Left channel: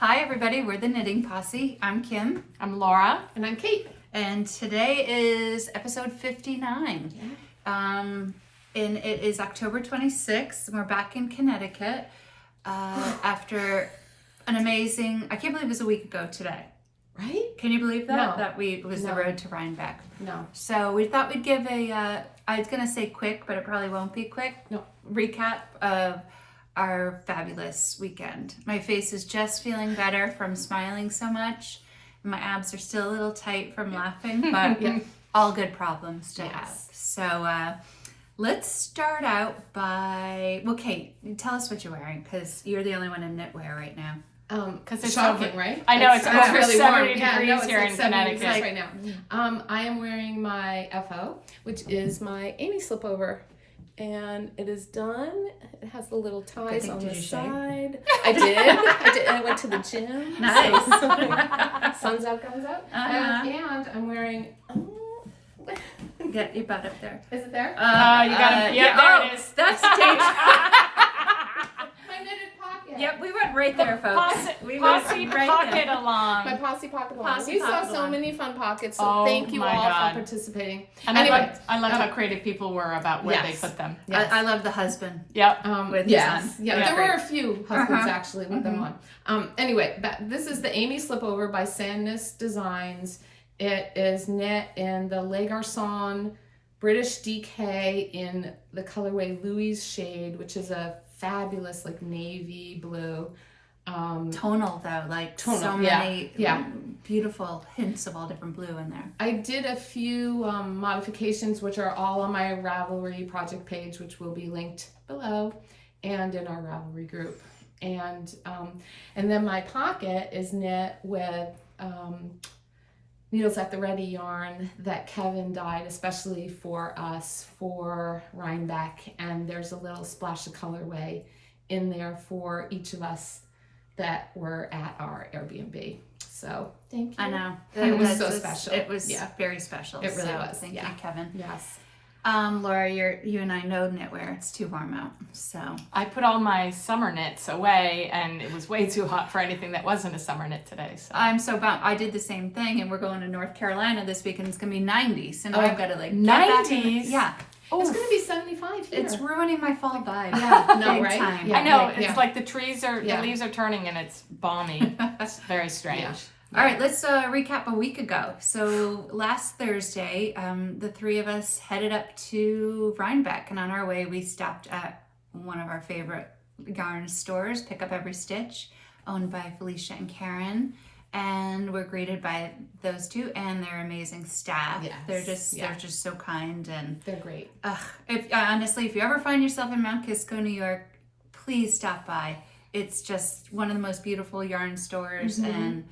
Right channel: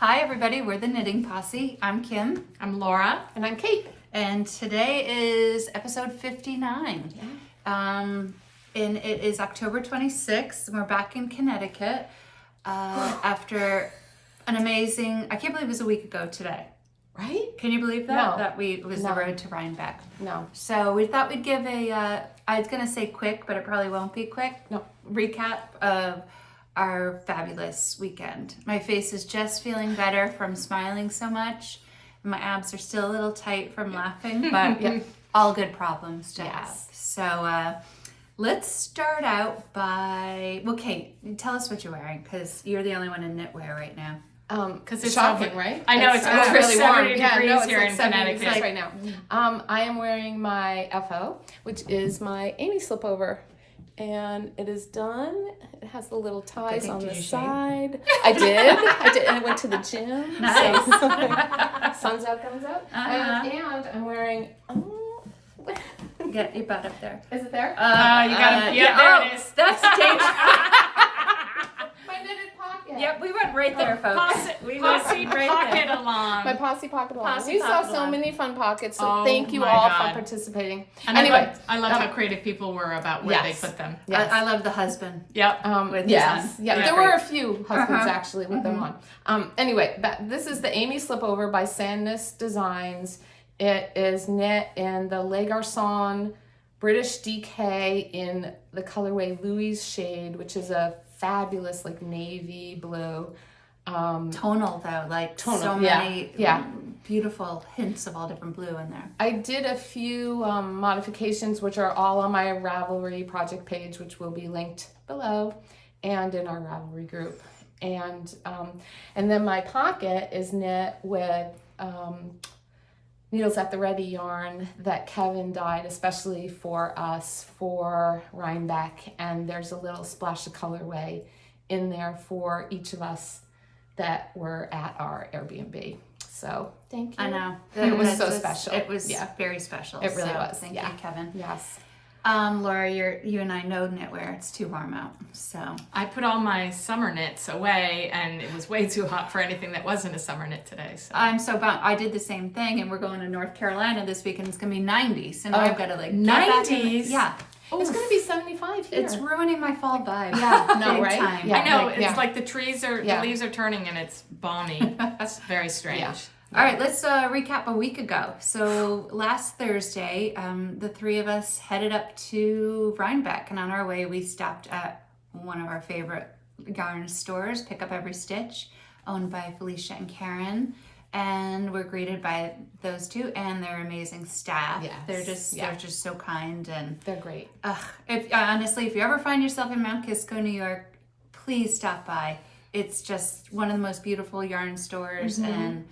Hi everybody, we're the Knitting Posse. I'm Kim. I'm Laura. And I'm Kate. And today is episode 59. And it is October 26th. And we're back in Connecticut after an amazing, I can't believe it was a week ago today. Right? Can you believe that? No. That it was the road to Rhinebeck. No. So we thought we'd give I was going to say quick, but it probably won't be quick. No. Recap of our fabulous weekend. My face is just feeling better from smiling so much. My abs are still a little tight from laughing, but all good problems to have. So let's start out by, well, Kate, tell us what you're wearing, because you're the only one in knitwear right now. Because it's shocking, right? I know, it's over really 70 warm. degrees it's here like in 70 Connecticut. degrees right now. I am wearing my FO, which is my Amy slipover. And it is done. It has the little ties on the side. I did. And I went to the gym. Nice. So, sun's out, comes out. And I'm wearing... Get your butt up there. Is it there? You got it. Yeah, There it is. That's dangerous. My knitted pocket. Yep, we went right there, folks. We went right pocket there. along. My posse pocket along. Posse We saw pocket so along. many fun pockets, so Oh thank you my all God. for participating. And Anyway, I loved how creative people were about where they put them. Yes. I love the husband. Yep. With his son. Yeah, That was there were great. a few husbands actually with them on. Anyway, this is the Amy slipover by Sandness Designs. It is knit in the Les Garcons British DK in the colorway Louise shade, which is a fabulous like navy blue. Tonal though, like so many beautiful hints of all different blue in there. I did a few modifications, which are all on my Ravelry project page, which will be linked below and in our Ravelry group. And then my pocket is knit with Needles at the Ready yarn that Kevin dyed especially for us for Rhinebeck. And there's a little splash of colorway in there for each of us that were at our Airbnb. So thank you. I know. It was so special. It was very special. It really was. Thank you, Kevin. Yes. Laura, you and I know knitwear. It's too warm out. So I put all my summer knits away, and it was way too hot for anything that wasn't a summer knit today. So I'm so bummed. I did the same thing, and we're going to North Carolina this week, and it's gonna be 90s, and I've got to like 90s? Yeah. It's going to be 75 here. It's ruining my fall vibe. No, Big right? time. Yeah. I know, Like, it's like the trees are, the leaves are turning, and it's balmy. It's very strange. Yeah. All right, let's recap a week ago. So last Thursday, the three of us headed up to Rhinebeck, and on our way, we stopped at one of our favorite yarn stores, Pick Up Every Stitch, owned by Felicia and Karen, and we're greeted by those two and their amazing staff. Yes. They're just so kind, and They're great. honestly, if you ever find yourself in Mount Kisco, New York, please stop by. It's just one of the most beautiful yarn stores, and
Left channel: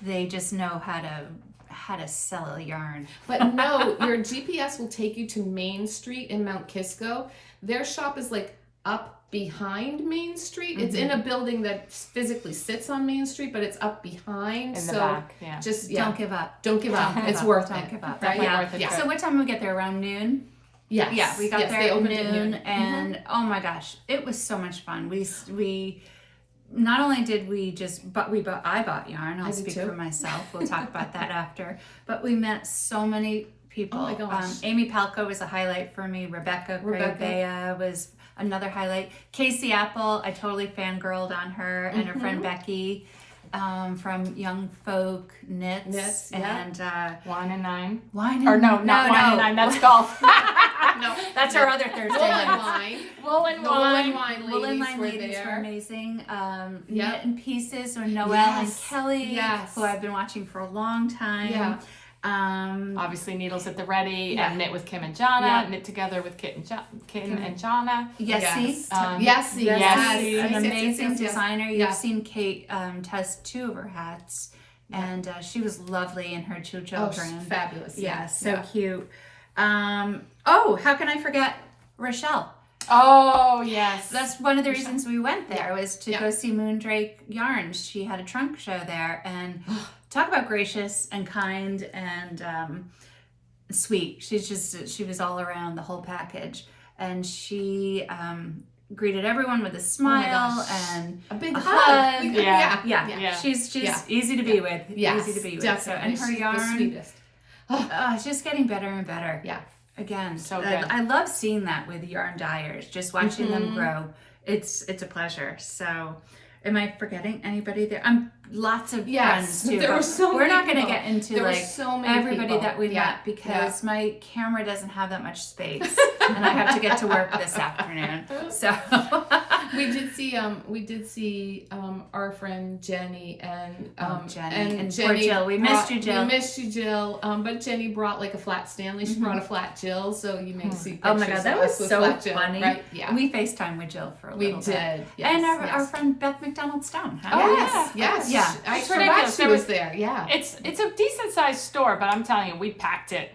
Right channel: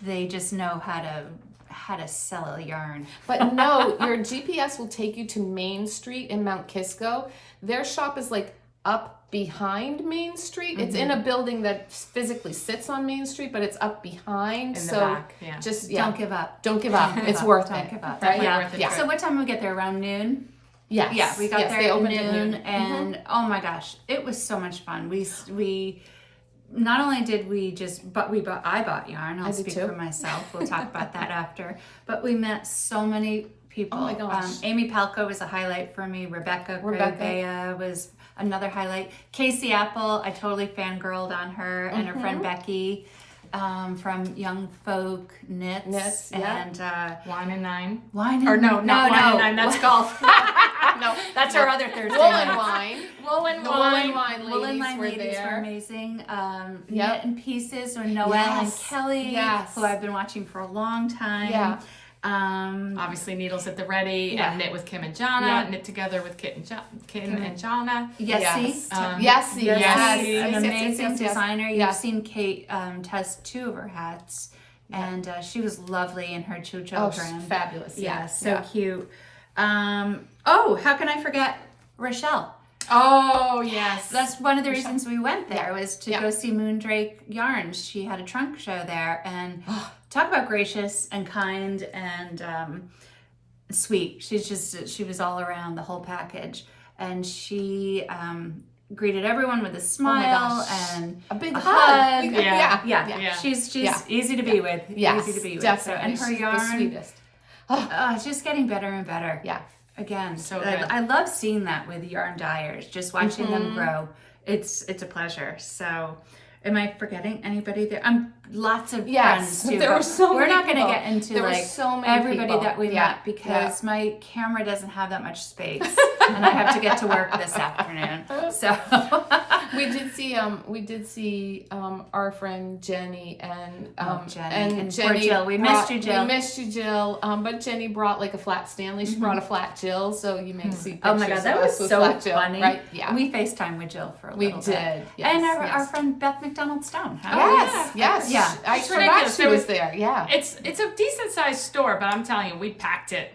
they just know how to sell a yarn. But no, your GPS will take you to Main Street in Mount Kisco. Their shop is like up behind Main Street. It's in a building that physically sits on Main Street, but it's up behind. In the back, yeah. Just Don't give up. Don't give up. Don't give It's up. worth Don't it. give up. Right? Definitely worth it. So what time did we get there? Around noon? Yes. Yeah, we got there they at opened noon, at and oh my gosh, it was so much fun. We not only did I bought yarn. I'll speak for myself. We'll talk about that after. But we met so many people. Oh my gosh. Amy Palko was a highlight for me. Rebecca Clow was another highlight. Casey Apple, I totally fangirled on her and her friend Becky from Young Folk Knits and Wine and Nine. Wine Or and no, not Wine and Nine. That's golf. No, that's our other Thursday Woolen night. wine. Woolen The Wine. Woolen Wine were ladies there. were amazing. Knit in Pieces with Noelle and Yes. Kelly, Yes. who I've been watching for a long time. Yeah. Obviously, Needles at the Ready, Yeah. and Knit with Kim and Jana, Yeah. Knit Together with Kim and Jana. Yessie. Yes. Yessie, an Yes. amazing Yes. designer. Yeah. You've seen Kate test two of her hats, and she was lovely in her two children. Fabulous. Yeah, so cute. How can I forget Rachelle? Oh, yes. That's one of the reasons we went there was to Yeah. go see Moondrake Yarn. She had a trunk show there, and talk about gracious and kind and sweet. She was all around the whole package, and she greeted everyone with a smile gosh. and A big a hug. hug. Yeah. She's Yeah. easy to be with. Yes, Easy to be with. definitely. So, and her She's the yarn, sweetest. it's just getting better and better. Yeah. Again, So I, good. I love seeing that with yarn dyers, just watching them grow. It's a pleasure. So, am I forgetting anybody there? Lots of friends too. There but were so we're many not going to people. get into There were like so many everybody people. that we Yeah, met because my camera doesn't have that much space, and I have to get to work this afternoon. So we did see our friend Jenny and Jenny and poor Jill. We missed you, Jill. We missed you, Jill. But Jenny brought like a flat Stanley. She brought a flat Jill, so you may see pictures. Oh my God, that of was us with so flat Jill, funny. right? Yeah. We FaceTime with Jill for a We little bit. did. Yes, And yes. our friend Beth McDonald Stone. Yes. Yeah. I It's forgot ridiculous. she There was was- there. Yeah. It's a decent sized store, but I'm telling you, we packed it.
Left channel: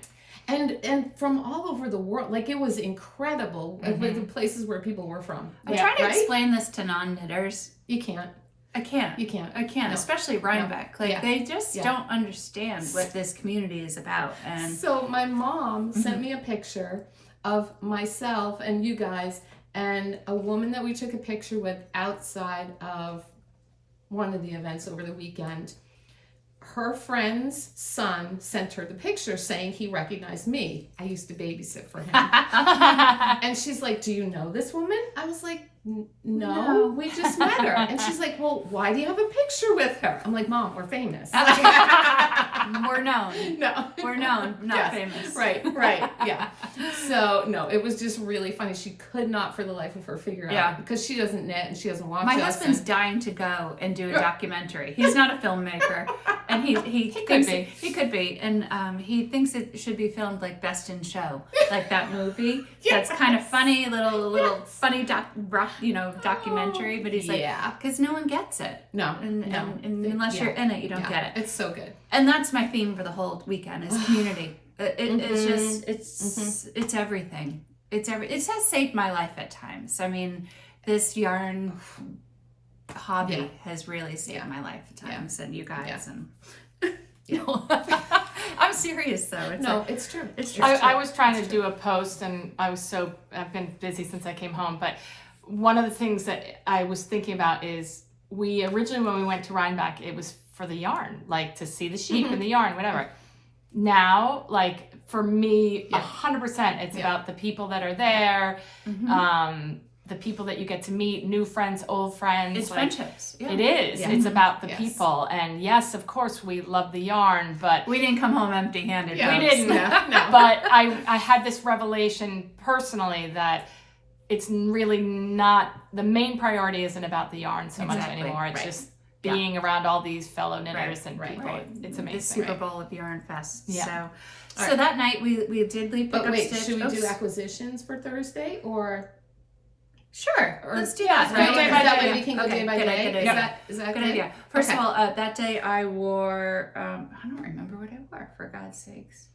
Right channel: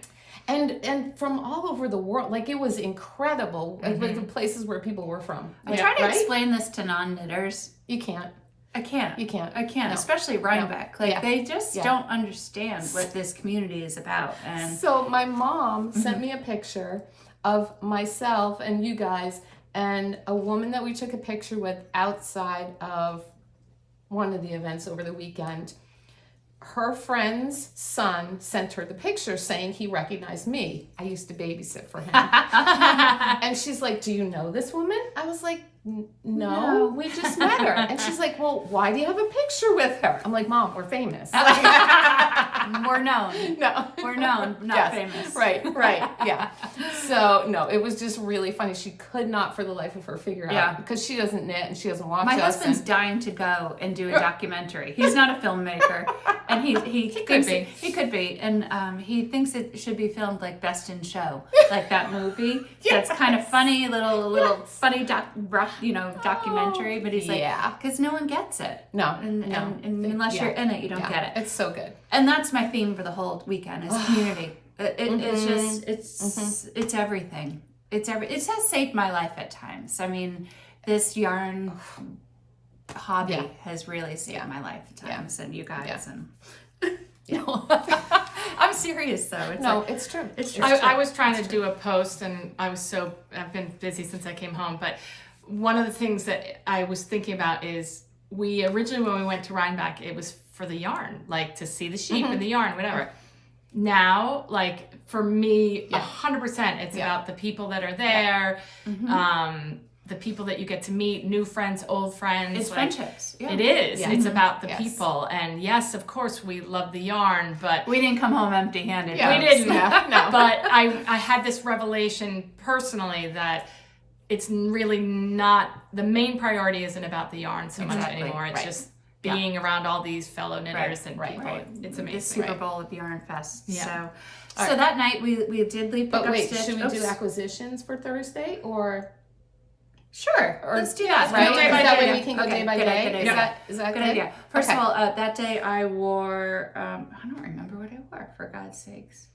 And from all over the world, like it was incredible. Like the places where people were from. I'm trying to right? explain this to non-knitters. You can't. I can't. You can't. I can't, No. especially Rhinebeck. Like Yeah. they just Yeah. don't understand what this community is about. And So my mom sent me a picture of myself and you guys and a woman that we took a picture with outside of one of the events over the weekend. Her friend's son sent her the picture saying he recognized me. I used to babysit for him. And she's like, "Do you know this woman?" I was like, no, No. we just met her. And she's like, "Well, why do you have a picture with her?" I'm like, "Mom, we're famous." we're known. No. We're known, not Yes. famous. Right, yeah. So, no, it was just really funny. She could not for the life of her figure Yeah. out because she doesn't knit and she doesn't watch My us. husband's dying to go and do a documentary. He's not a filmmaker, and he thinks he could be, and he thinks it should be filmed like Best in Show, like that movie. That's kind of funny, little funny documentary. But he's like, Yeah. because no one gets it, No, and unless you're in it, you don't get it. It's so good. And that's my theme for the whole weekend is community. It's just it's everything. It has saved my life at times. I mean, this yarn hobby has really saved my life at times, and you guys and. I'm serious though. It's true. It's true. I was trying to do a post, and I've been busy since I came home. But one of the things that I was thinking about is we originally, when we went to Rhinebeck, it was for the yarn, like to see the sheep and the yarn, whatever. Now, like for me, 100%, it's about the people that are there, the people that you get to meet, new friends, old friends. It's friendships. Yeah. It is. Yeah. It's about the Yes. people. And yes, of course, we love the yarn, but We didn't come home empty-handed. Yeah. we folks. didn't. No. But I had this revelation personally that it's really not, the main priority isn't about the yarn so much Exactly. anymore. It's Right. just being around all these fellow knitters and right, people. right. It's The amazing. Super Bowl of Yarn Fest. Yeah. So that night we did leave But Pickup wait, Stitch. should we do Oops. acquisitions for Thursday or Sure. or Let's do that. Right? Go day Is by that day. way we can go day by good day? idea. Is Yeah. that Good good? idea. First Okay. of all, that day I wore, I don't remember what I wore, for God's sakes.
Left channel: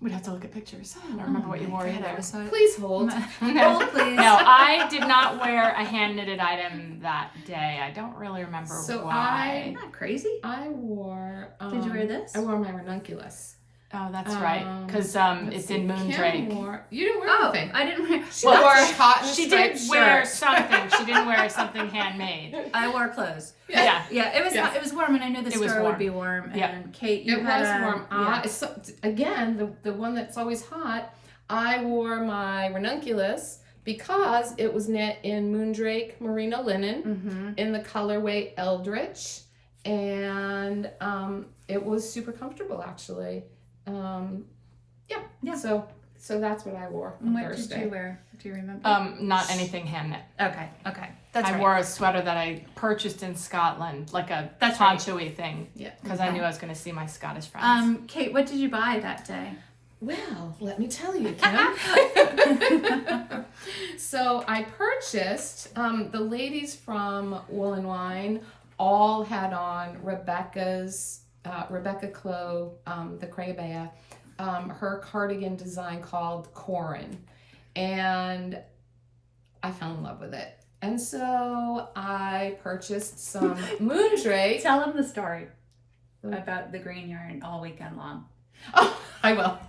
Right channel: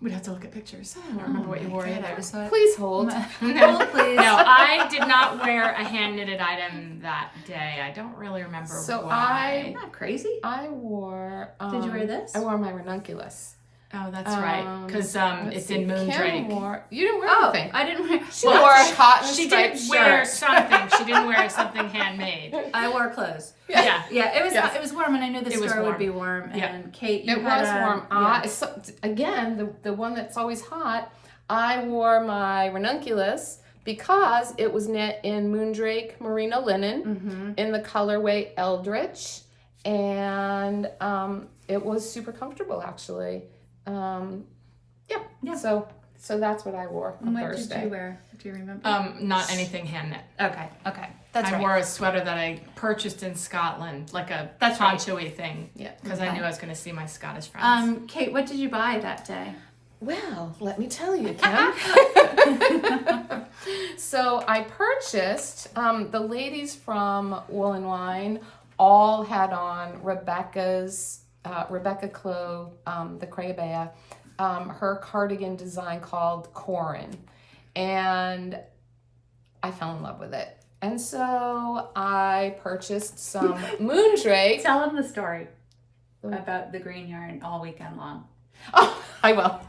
We'd have to look at pictures. I don't remember what you wore God, either. I was so... Please hold. Hold, please. No, I did not wear a hand knitted item that day. I don't really remember So why. Isn't that crazy? I wore. Did you wear this? I wore my ranunculus. Oh, that's right. Because Let's it's see. in Kim Moondrake. wore. You didn't wear Oh, anything. I didn't wear... She wore a cotton She did striped wear shirt. something. She didn't wear something handmade. I wore clothes. Yeah. Yeah, it was Yes. it was warm, and I knew the It was store would warm. be warm. Yeah. And Kate, you It had was a, warm. yeah. So, again, the one that's always hot. I wore my ranunculus because it was knit in Moondrake merino linen in the colorway Eldritch, and it was super comfortable actually. Yeah. So that's what I wore on What Thursday. did you wear? Do you remember? Not anything hand knit. Okay, that's I right. wore a sweater that I purchased in Scotland, like a That's right. poncho-y thing, Yeah. because I knew I was going to see my Scottish friends. Kate, what did you buy that day? Well, let me tell you, Kim. So I purchased, the ladies from Woolen Wine all had on Rebecca Clow, the Crayabea, her cardigan design called Corran. And I fell in love with it. And so I purchased some Moondrake. Tell them the story about the green yarn all weekend long. Oh. I will.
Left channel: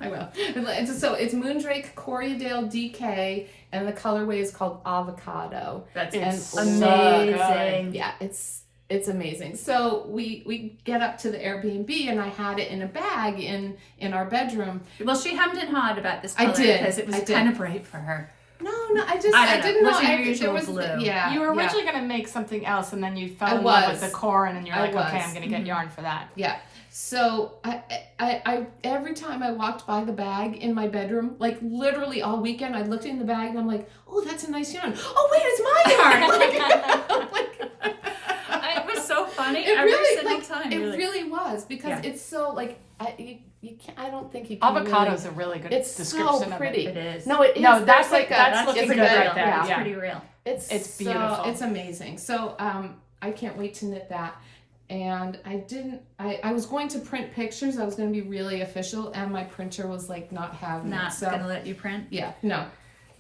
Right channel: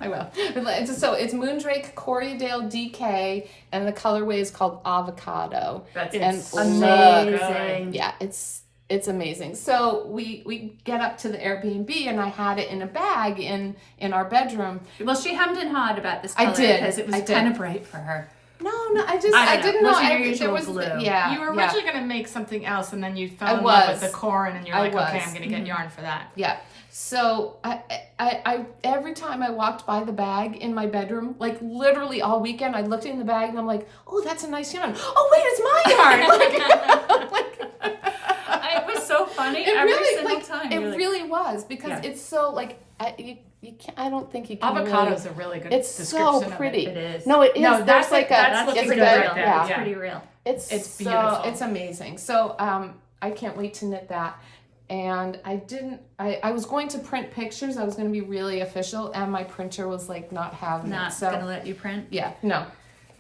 So it's Moondrake Corridale DK, and the colorway is called Avocado. That's amazing. Yeah, it's amazing. So we get up to the Airbnb, and I had it in a bag in our bedroom. Well, she hemmed and hawed about this I color did. because it was I did. kind of bright for her. No, I don't didn't know. know. Was it your usual blue? Yeah. You were yeah. originally going to make something else, and then you fell I in love was. with the Corran, and you're I like, okay, was. I'm going to get yarn for that. Yeah. So I every time I walked by the bag in my bedroom, like literally all weekend, I looked in the bag and I'm like, oh, that's a nice yarn. Oh wait, it's my yarn. It was so funny It every really, single like, time. It You're like, really was because Yeah. it's so like you can't. I don't think you can. Avocado's really, a really good it's description so pretty. it is. No, it is. No, There's that's like that's a, looking it's pretty good good, right there. yeah. It's pretty real. It's So beautiful. it's amazing. So I can't wait to knit that. And I was going to print pictures. I was going to be really official, and my printer was like not having Not it. So gonna let you print. yeah, no.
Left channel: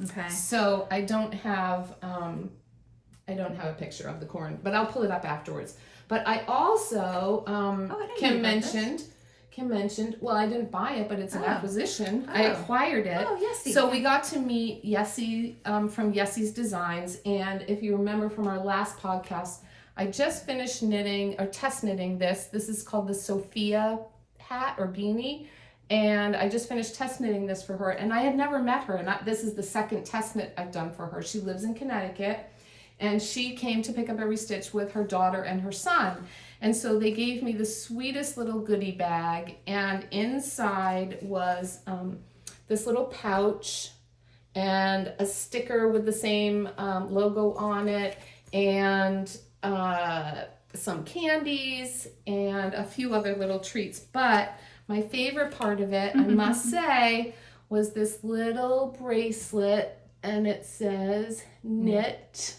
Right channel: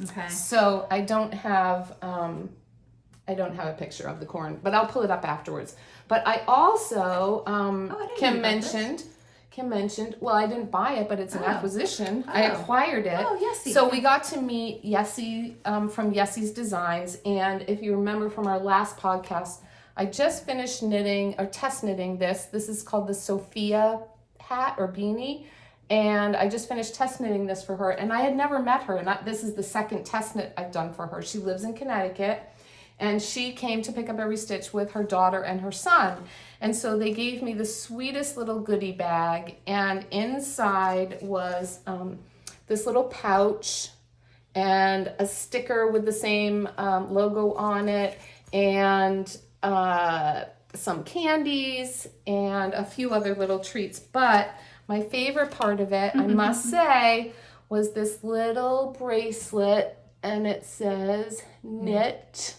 Okay. So I don't have a picture of the corn, but I'll pull it up afterwards. But I also I didn't know Kim about this. mentioned. Well, I didn't buy it, but it's an Oh. acquisition. I Oh. acquired it. Oh, yes. So we got to meet Yessie from Yessie's Designs, and if you remember from our last podcast, I just finished knitting or test knitting this. This is called the Sophia hat or beanie, and I just finished test knitting this for her. And I had never met her, and this is the second test knit I've done for her. She lives in Connecticut, and she came to pick up every stitch with her daughter and her son. And so they gave me the sweetest little goodie bag, and inside was this little pouch and a sticker with the same logo on it, and some candies and a few other little treats. But my favorite part of it, I must say, was this little bracelet, and it says knit.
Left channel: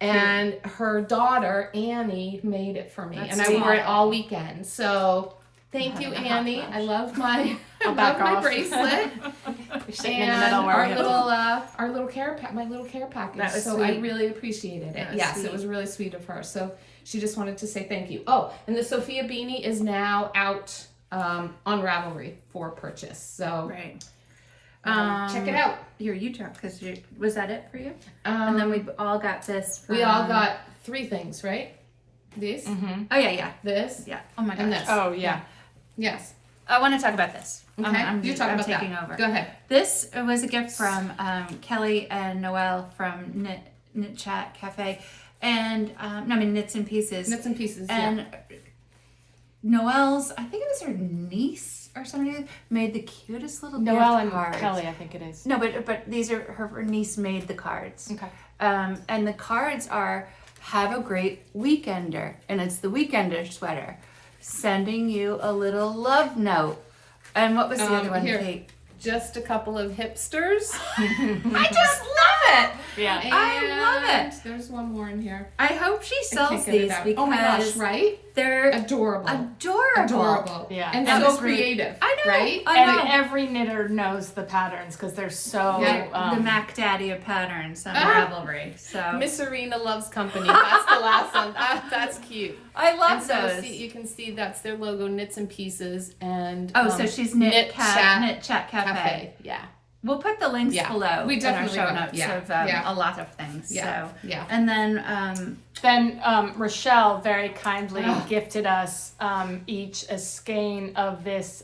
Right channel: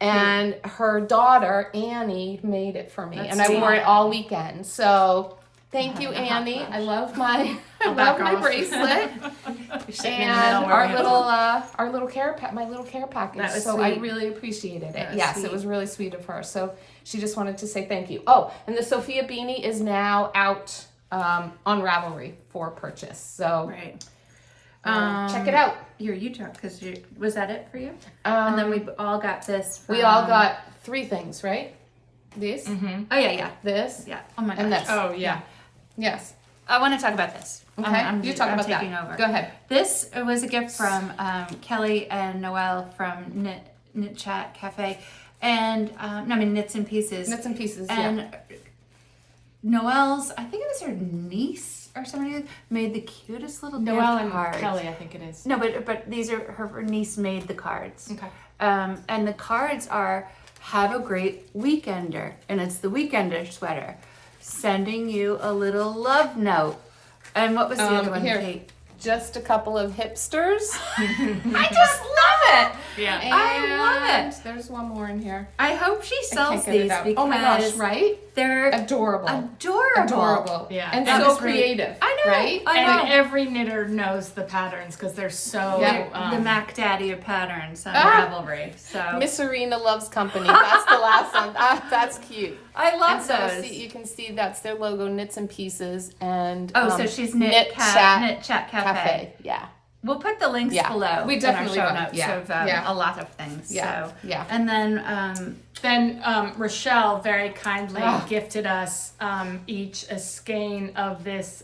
And her daughter, Annie, made it for me. That's and I sweet. wore it all weekend. So thank you, Having a hot Annie. flash. I love my I'll back off. bracelet. You're sitting And in the middle our wearing our little care my little care package. That was so I sweet. really appreciated it. That was Yes, sweet. it was really sweet of her. So she just wanted to say thank you. Oh, and the Sophia beanie is now out on Ravelry for purchase. So Right. check it out. Here, you talk, because was that it for you? And then we all got this. From, we all got 3 things, right? This, Oh yeah. this, Yeah. Oh my gosh. and this. Oh yeah. Yes. I want to talk about this. Okay. I'm about taking that. over. Go ahead. This was a gift from Kelly and Noelle from Knit Chat Cafe, and Knits and Pieces. Knits and pieces. And Noelle's, I think it was her niece or somebody, made the cutest little Noelle gift and cards. Kelly, I think it is. No, but these are her niece made the cards. Okay. And the cards are "Have a great weekender," and it's the weekender sweater, sending you a little love note. And what was the other one, here. Kate? Just a couple of hipsters. I just love it. Yeah. I love And it. There's one more in here. I hope she I sells can't get it these out. because Oh my gosh, right? they're Adorable. adorable. Yeah. And That so was really- creative. I know. Right? I know. And every knitter knows the patterns because they're so Yeah. The Mac Daddy of patterns on Ah. Ravelry. So Miss Serena Loves Company. That's the last one. That's cute. I love And so those. you can see that's their logo, Knits and Pieces, and So she's Knit Chat Cafe. Yeah. We'll put the links Yeah. below We in our definitely show will. notes Yeah. of Yeah. a lot of things. Yeah. So Yeah. and then Then Rachelle very kindly Oh. gifted us each a skein of this.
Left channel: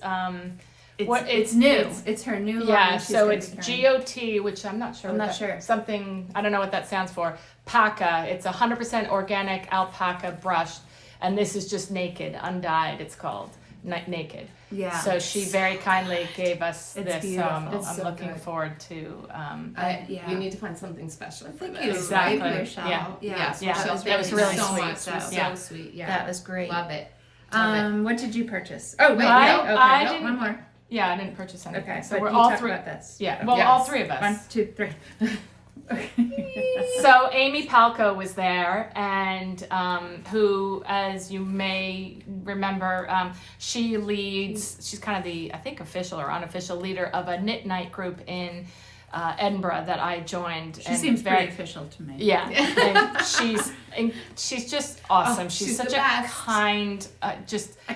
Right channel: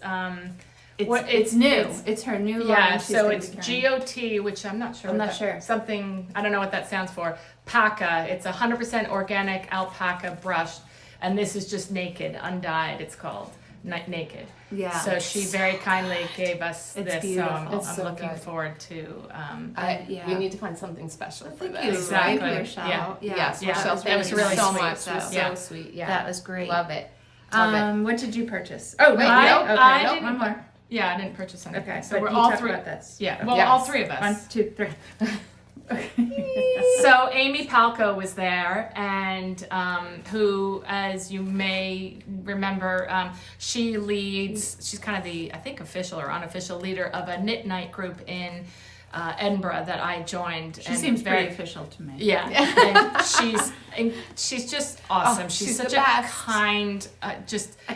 it's new. It's her new line. Yeah, she's so gonna it's be carrying. GOT, which I'm not sure. I'm what not sure. Something, I don't know what that stands for. Paca. It's 100% organic alpaca brushed, and this is just naked, undyed. It's called naked. Yeah. So she very kindly gave us It's this. beautiful. It's I'm so looking good. forward to. Yeah. You need to find something special. For Thank this. you. Exactly. Thank you, Rochelle. Yeah. Yes, Yeah. Rochelle, that was really so sweet. much. So, It was yeah. so sweet. Yeah. That was great. Love it. Love it. What did you purchase? Oh no, I- okay. I no, didn't- one more. Yeah, I didn't purchase anything. Okay, so but we're you all talk three. about this. Yeah, well, Yes. all 3 of us. 1, 2, 3. So Amy Palko was there, and who, as you may remember, she leads. She's kind of the, I think, official or unofficial leader of a knit night group in Edinburgh that I joined. She seems pretty official to me. Yeah, and she's just awesome. She's such the a best. kind, I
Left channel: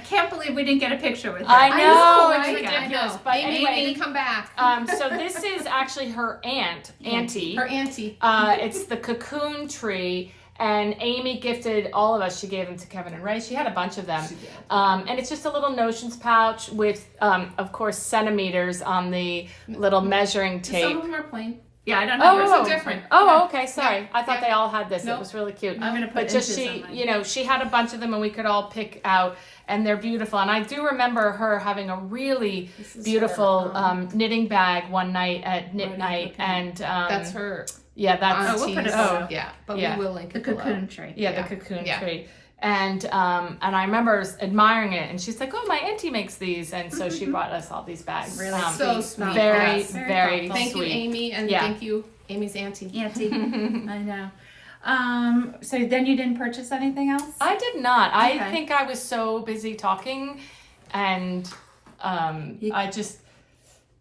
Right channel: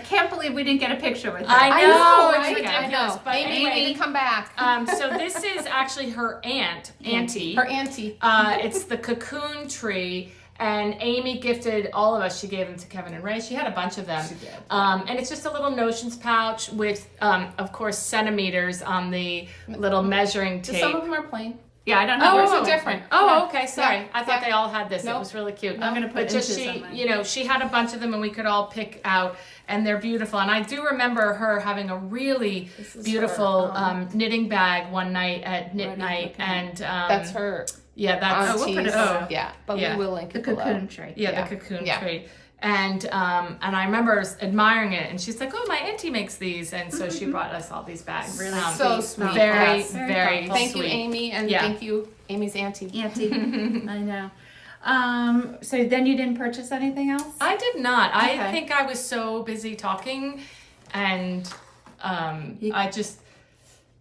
can't believe we didn't get a picture with her. I know, right? it's ridiculous. But Amy, anyway, Amy, come back. so this is actually her auntie. Her auntie. It's the Cocoon Tree, and Amy gifted all of us. She gave them to Kevin and Ray. She had a bunch of them. And it's just a little notions pouch with, of course, centimeters on the little measuring tape. Some of them are plain. Yeah, I don't know. Yours are different. Oh, okay. Sorry. I thought they all had this. It was really cute. I'm gonna put But just inches she, on mine. she had a bunch of them, and we could all pick out. And they're beautiful. And I do remember her having a really beautiful knitting bag one night at knit night. okay. And That's her. yeah, that's we'll put it- auntie's- yeah, but Yeah. we will link The it below. Cocoon Tree. the Cocoon Tree. And I remember admiring it, and she's like, "Oh, my auntie makes these," and so she brought us all these bags. Really So sweet. very, Yes. very Thank sweet. you, Amy, and thank you, Amy's auntie. Auntie. I know. So then you didn't purchase anything else? I did not. I Okay. think I was so busy talking, and I just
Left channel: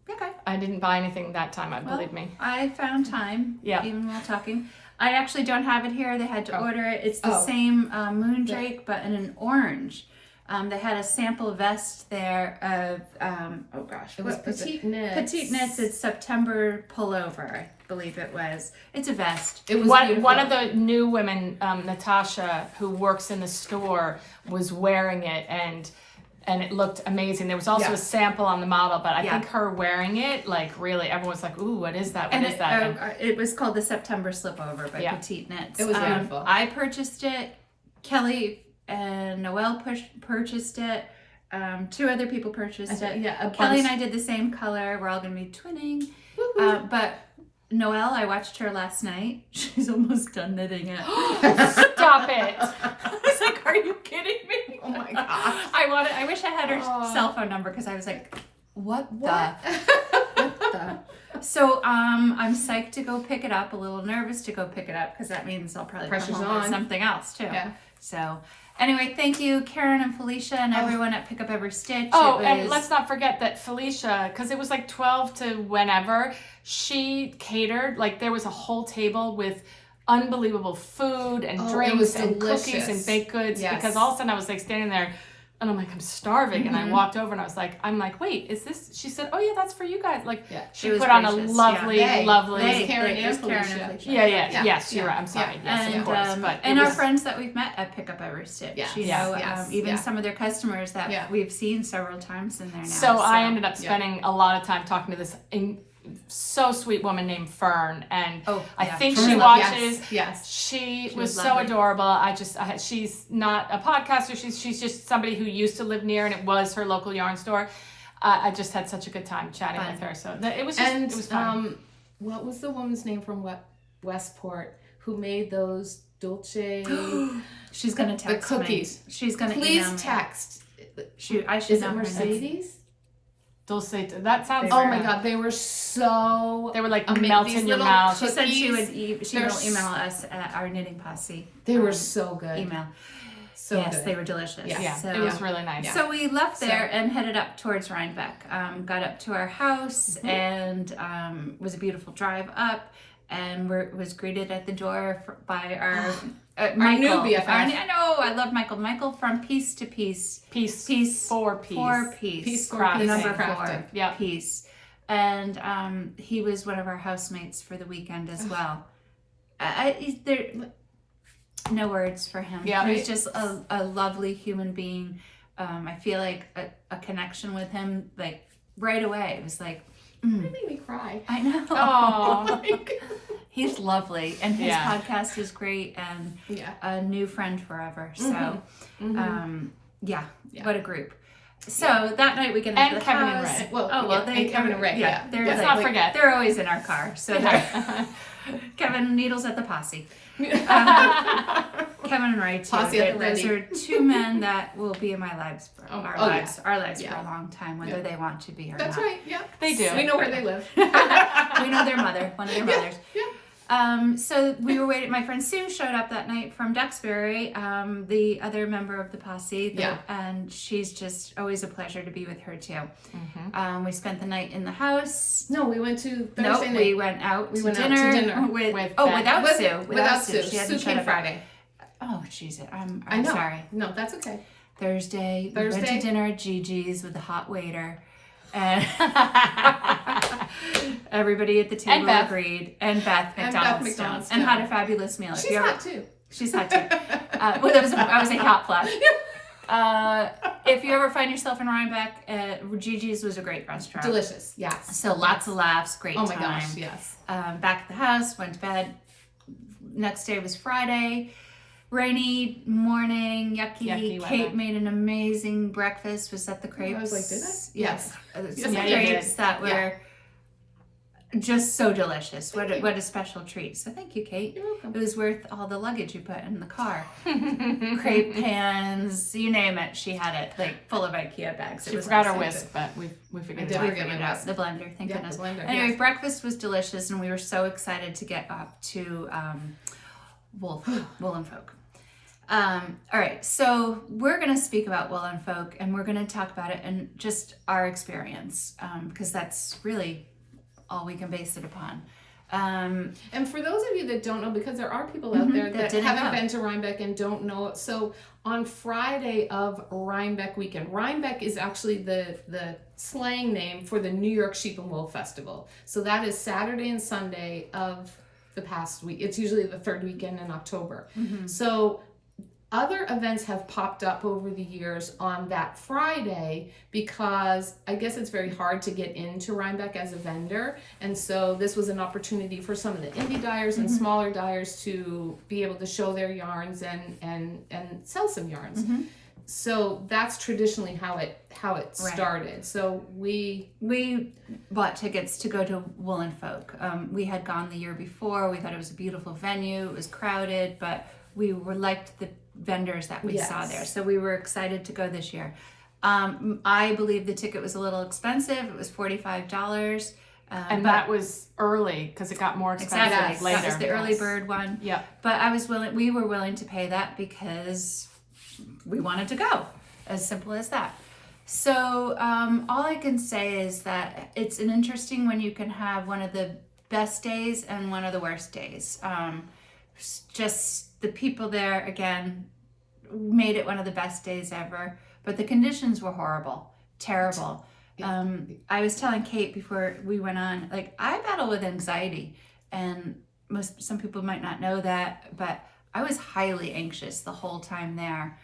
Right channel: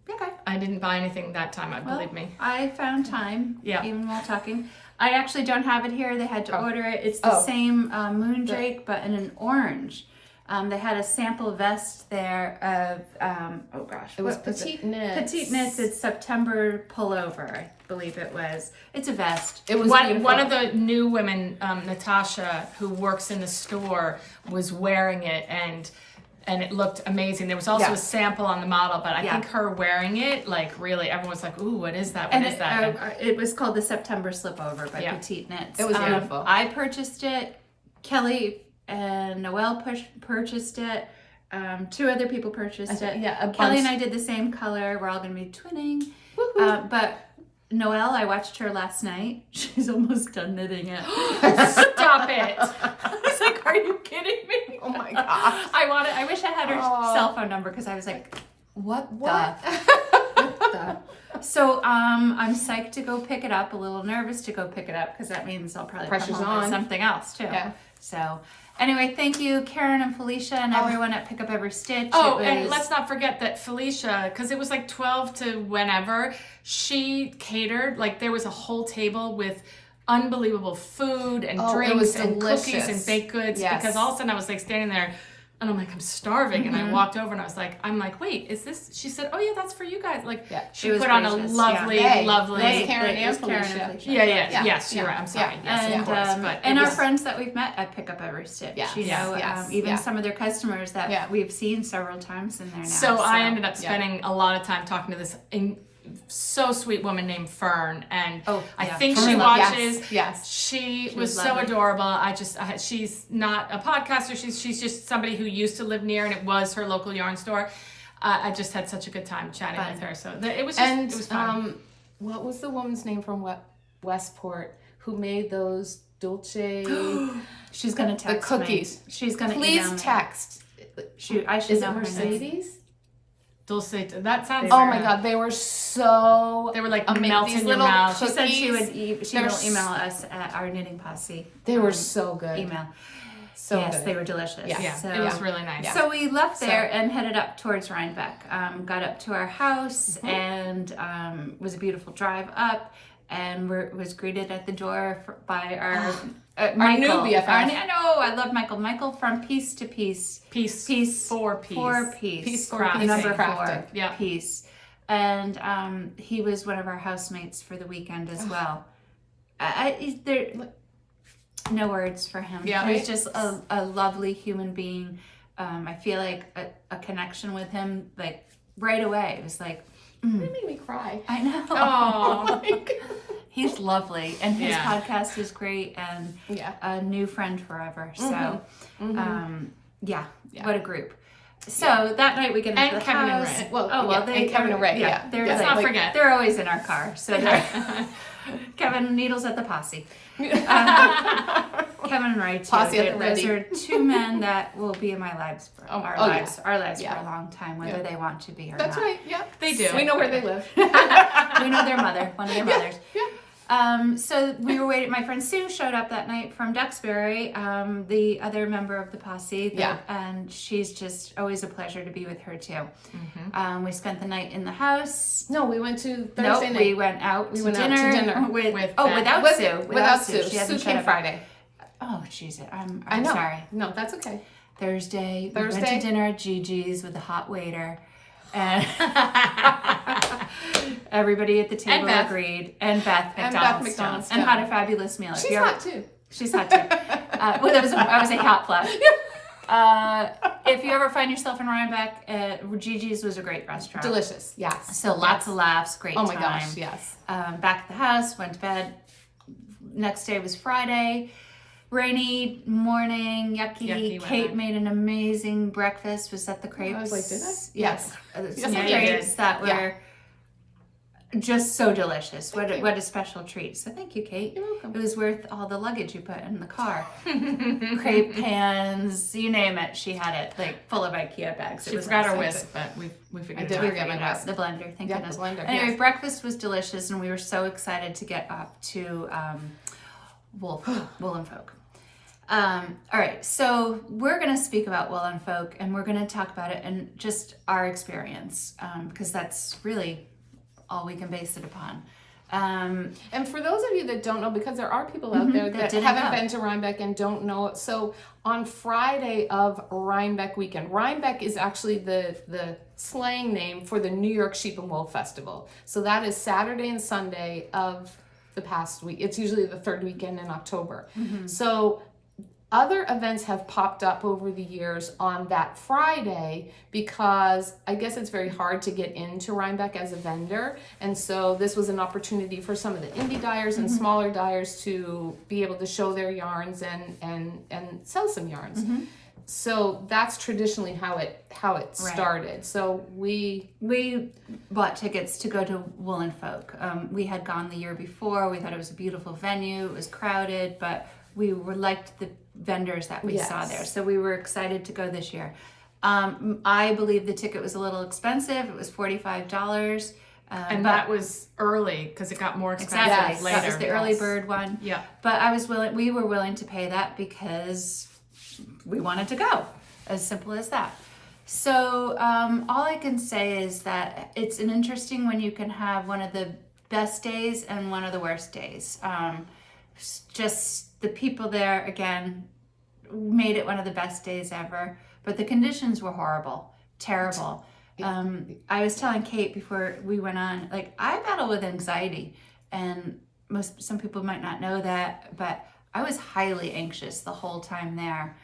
Okay. I didn't buy anything that time. Believe me. I found time, Yeah. even while talking. I actually don't have it here. They had to order it. It's the Oh. same Moondrake, but in an orange. They had a sample vest there of, oh gosh, It was what was petite knits. Petite knits. It's September pullover, I believe it was. It's a vest. It was One beautiful. of the new women, Natasha, who works in the store, was wearing it, and it looked amazing. There was also a sample on the model, but I think her wearing it, like really, everyone's like, "Ooh, what is that? What is that?" It was called the September Slipover by Yeah. Petite Knits. It was beautiful. I purchased it. Kelly and Noelle purchased it. Two other people purchased it. Yeah, Kelly and I did the same color. We're all going to be twinning. But Noelle, I watched her last night. She's almost done knitting it. Stop it! I was like, "Are you kidding me?" Oh my god. I wish I had her cell phone number because I was like, What? So I'm psyched to go pick it up. A little nervous to go pick it up because that means I'll probably Pressure's come home with on. something else too. Yeah. So anyway, thank you, Karen and Felicia and everyone at Pick Up Every Stitch. Oh, It and was- let's not forget that Felicia, because it was like 12 to whenever, she catered. Like there was a whole table with unbelievable food and Oh, it drinks was and cookies delicious. and baked goods. Yes. Because all of a sudden I was like standing there. And I'm like, I'm starving. And I walked over and I was like, wait, is this? She said, oh yeah, that's for you guys. Like, she It was put on a gracious, lovely, yeah. lovely. It was Karen it and was Karen Felicia. and Felicia. Yes, you're right. I'm sorry. Yes, And, of course. But and it our was- friends that we've met at Pick Up Every Stitch, Yes, you know, yes, even yeah. some of their customers that Yeah. we've seen several times in there now. So I ended up spending a lot of time talking to this so sweet woman named Fern, and I think she watches. Yes. She was was so lovely. adorable. She's not a podcaster. She's just somebody who used to live near, and it was her local yarn store. I just had such a good time chatting with her. So it was just, And it was fun. what was the woman's name from Westport who made those Dolce? She's gonna text the cookies. me. She's gonna Please email me. text. I should Is it know her name. Mercedes? Dulce, that sounds. Oh my god, they were so. They were like amazing. melt These in your little mouth. She said she would. cookies, She will they're email us at our knitting posse. They were so good. Email. So yes, good. they were delicious. Yeah. Yeah, So, it was really nice. So we left there and headed up towards Rhinebeck. Got up to our house and was a beautiful drive up, and was greeted at the door by our Michael. new BFF. I know. I love Michael. Michael from Piece to Piece. Piece. 4 piece. 4 piece. Piece for Crafting. piece Number crafting. 4 Yeah. piece. And he was one of our housemates for the weekend as well. There, no words for him. Yeah. He's just a lovely human being. I feel like a connection with him, like right away. It was like, It made me cry. I know. Oh. He's lovely, and his Yeah. podcast is great, and Yeah. a new friend forever. So, Yeah. what a group. So that night we get into And the Kevin and house. Ray. Well, they Kevin and Ray. Yeah. They're Let's like, not forget. they're always in our car. So they're Kevin needles at the posse. Kevin and Ray too. Posse at the Those ready. are two men that will be in my lives, our lives Yeah. for a long time, whether they want to be or That's not. right. Yeah. They do. We know where they live. We know their mother, one of their mothers. Yeah. So we were waiting. My friend Sue showed up that night from Duxbury, the other member of the posse. And she's just always a pleasure to be with her too. We spent the night in the house. No, we went to Thursday night. We went out to dinner without Sue. Without Sue. She hasn't Sue showed came up. Friday. Oh, jeez. I'm I know. sorry. No, that's okay. Thursday, we went to dinner at Gigi's with a hot waiter. And everybody at the table agreed. And Beth McDonald's. And had a fabulous meal. She's hot too. She's hot too. Well, I was a hot flash. If you ever find yourself in Rhinebeck, Gigi's was a great restaurant. Delicious, yes. So lots of laughs, great time. Oh my gosh, yes. Back at the house, went to bed. Next day was Friday. Rainy morning, yucky. Kate made an amazing breakfast. Was that the crepes? I was like, did I? Yes. Some Yes, crepes that were just so delicious. What a special treat. So thank you, Kate. You're welcome. It was worth all the luggage you put in the car. Crepe pans, you name it. She had it, like full of IKEA bags. She forgot her whisk, but we figured it out. We figured it out. The blender, thank goodness. The blender, anyway, breakfast was delicious, and we were so excited to get up to Woolen Folk. All right, so we're going to speak about Woolen Folk, and we're going to talk about it and just our experience, because that's really all we can base it upon. And for those of you that don't know, because there are people out there that haven't been to Rhinebeck and don't know it, so on Friday of Rhinebeck weekend, Rhinebeck is actually the slang name for the New York Sheep and Wool Festival. So that is Saturday and Sunday of the past week. It's usually the third weekend in October. So other events have popped up over the years on that Friday because I guess it's very hard to get into Rhinebeck as a vendor. And so this was an opportunity for some of the indie dyers and smaller dyers to be able to show their yarns and sell some yarns. So that's traditionally how it started. So we bought tickets to go to Woolen Folk. We had gone the year before. We thought it was a beautiful venue. It was crowded, but we liked the vendors that we saw there. So we were excited to go this year. I believe the ticket was a little expensive. It was $45. And that was early because it got more expensive later. That was the early bird one. Yeah. But we were willing to pay that because we wanted to go. As simple as that. So all I can say is that it's an interesting when you can have one of the best days and one of the worst days. Just the people there, again, made it one of the best days ever. But the conditions were horrible, terrible. I was telling Kate before we went on, like, I battle with anxiety. And some people might not know that, but I was highly anxious the whole time there.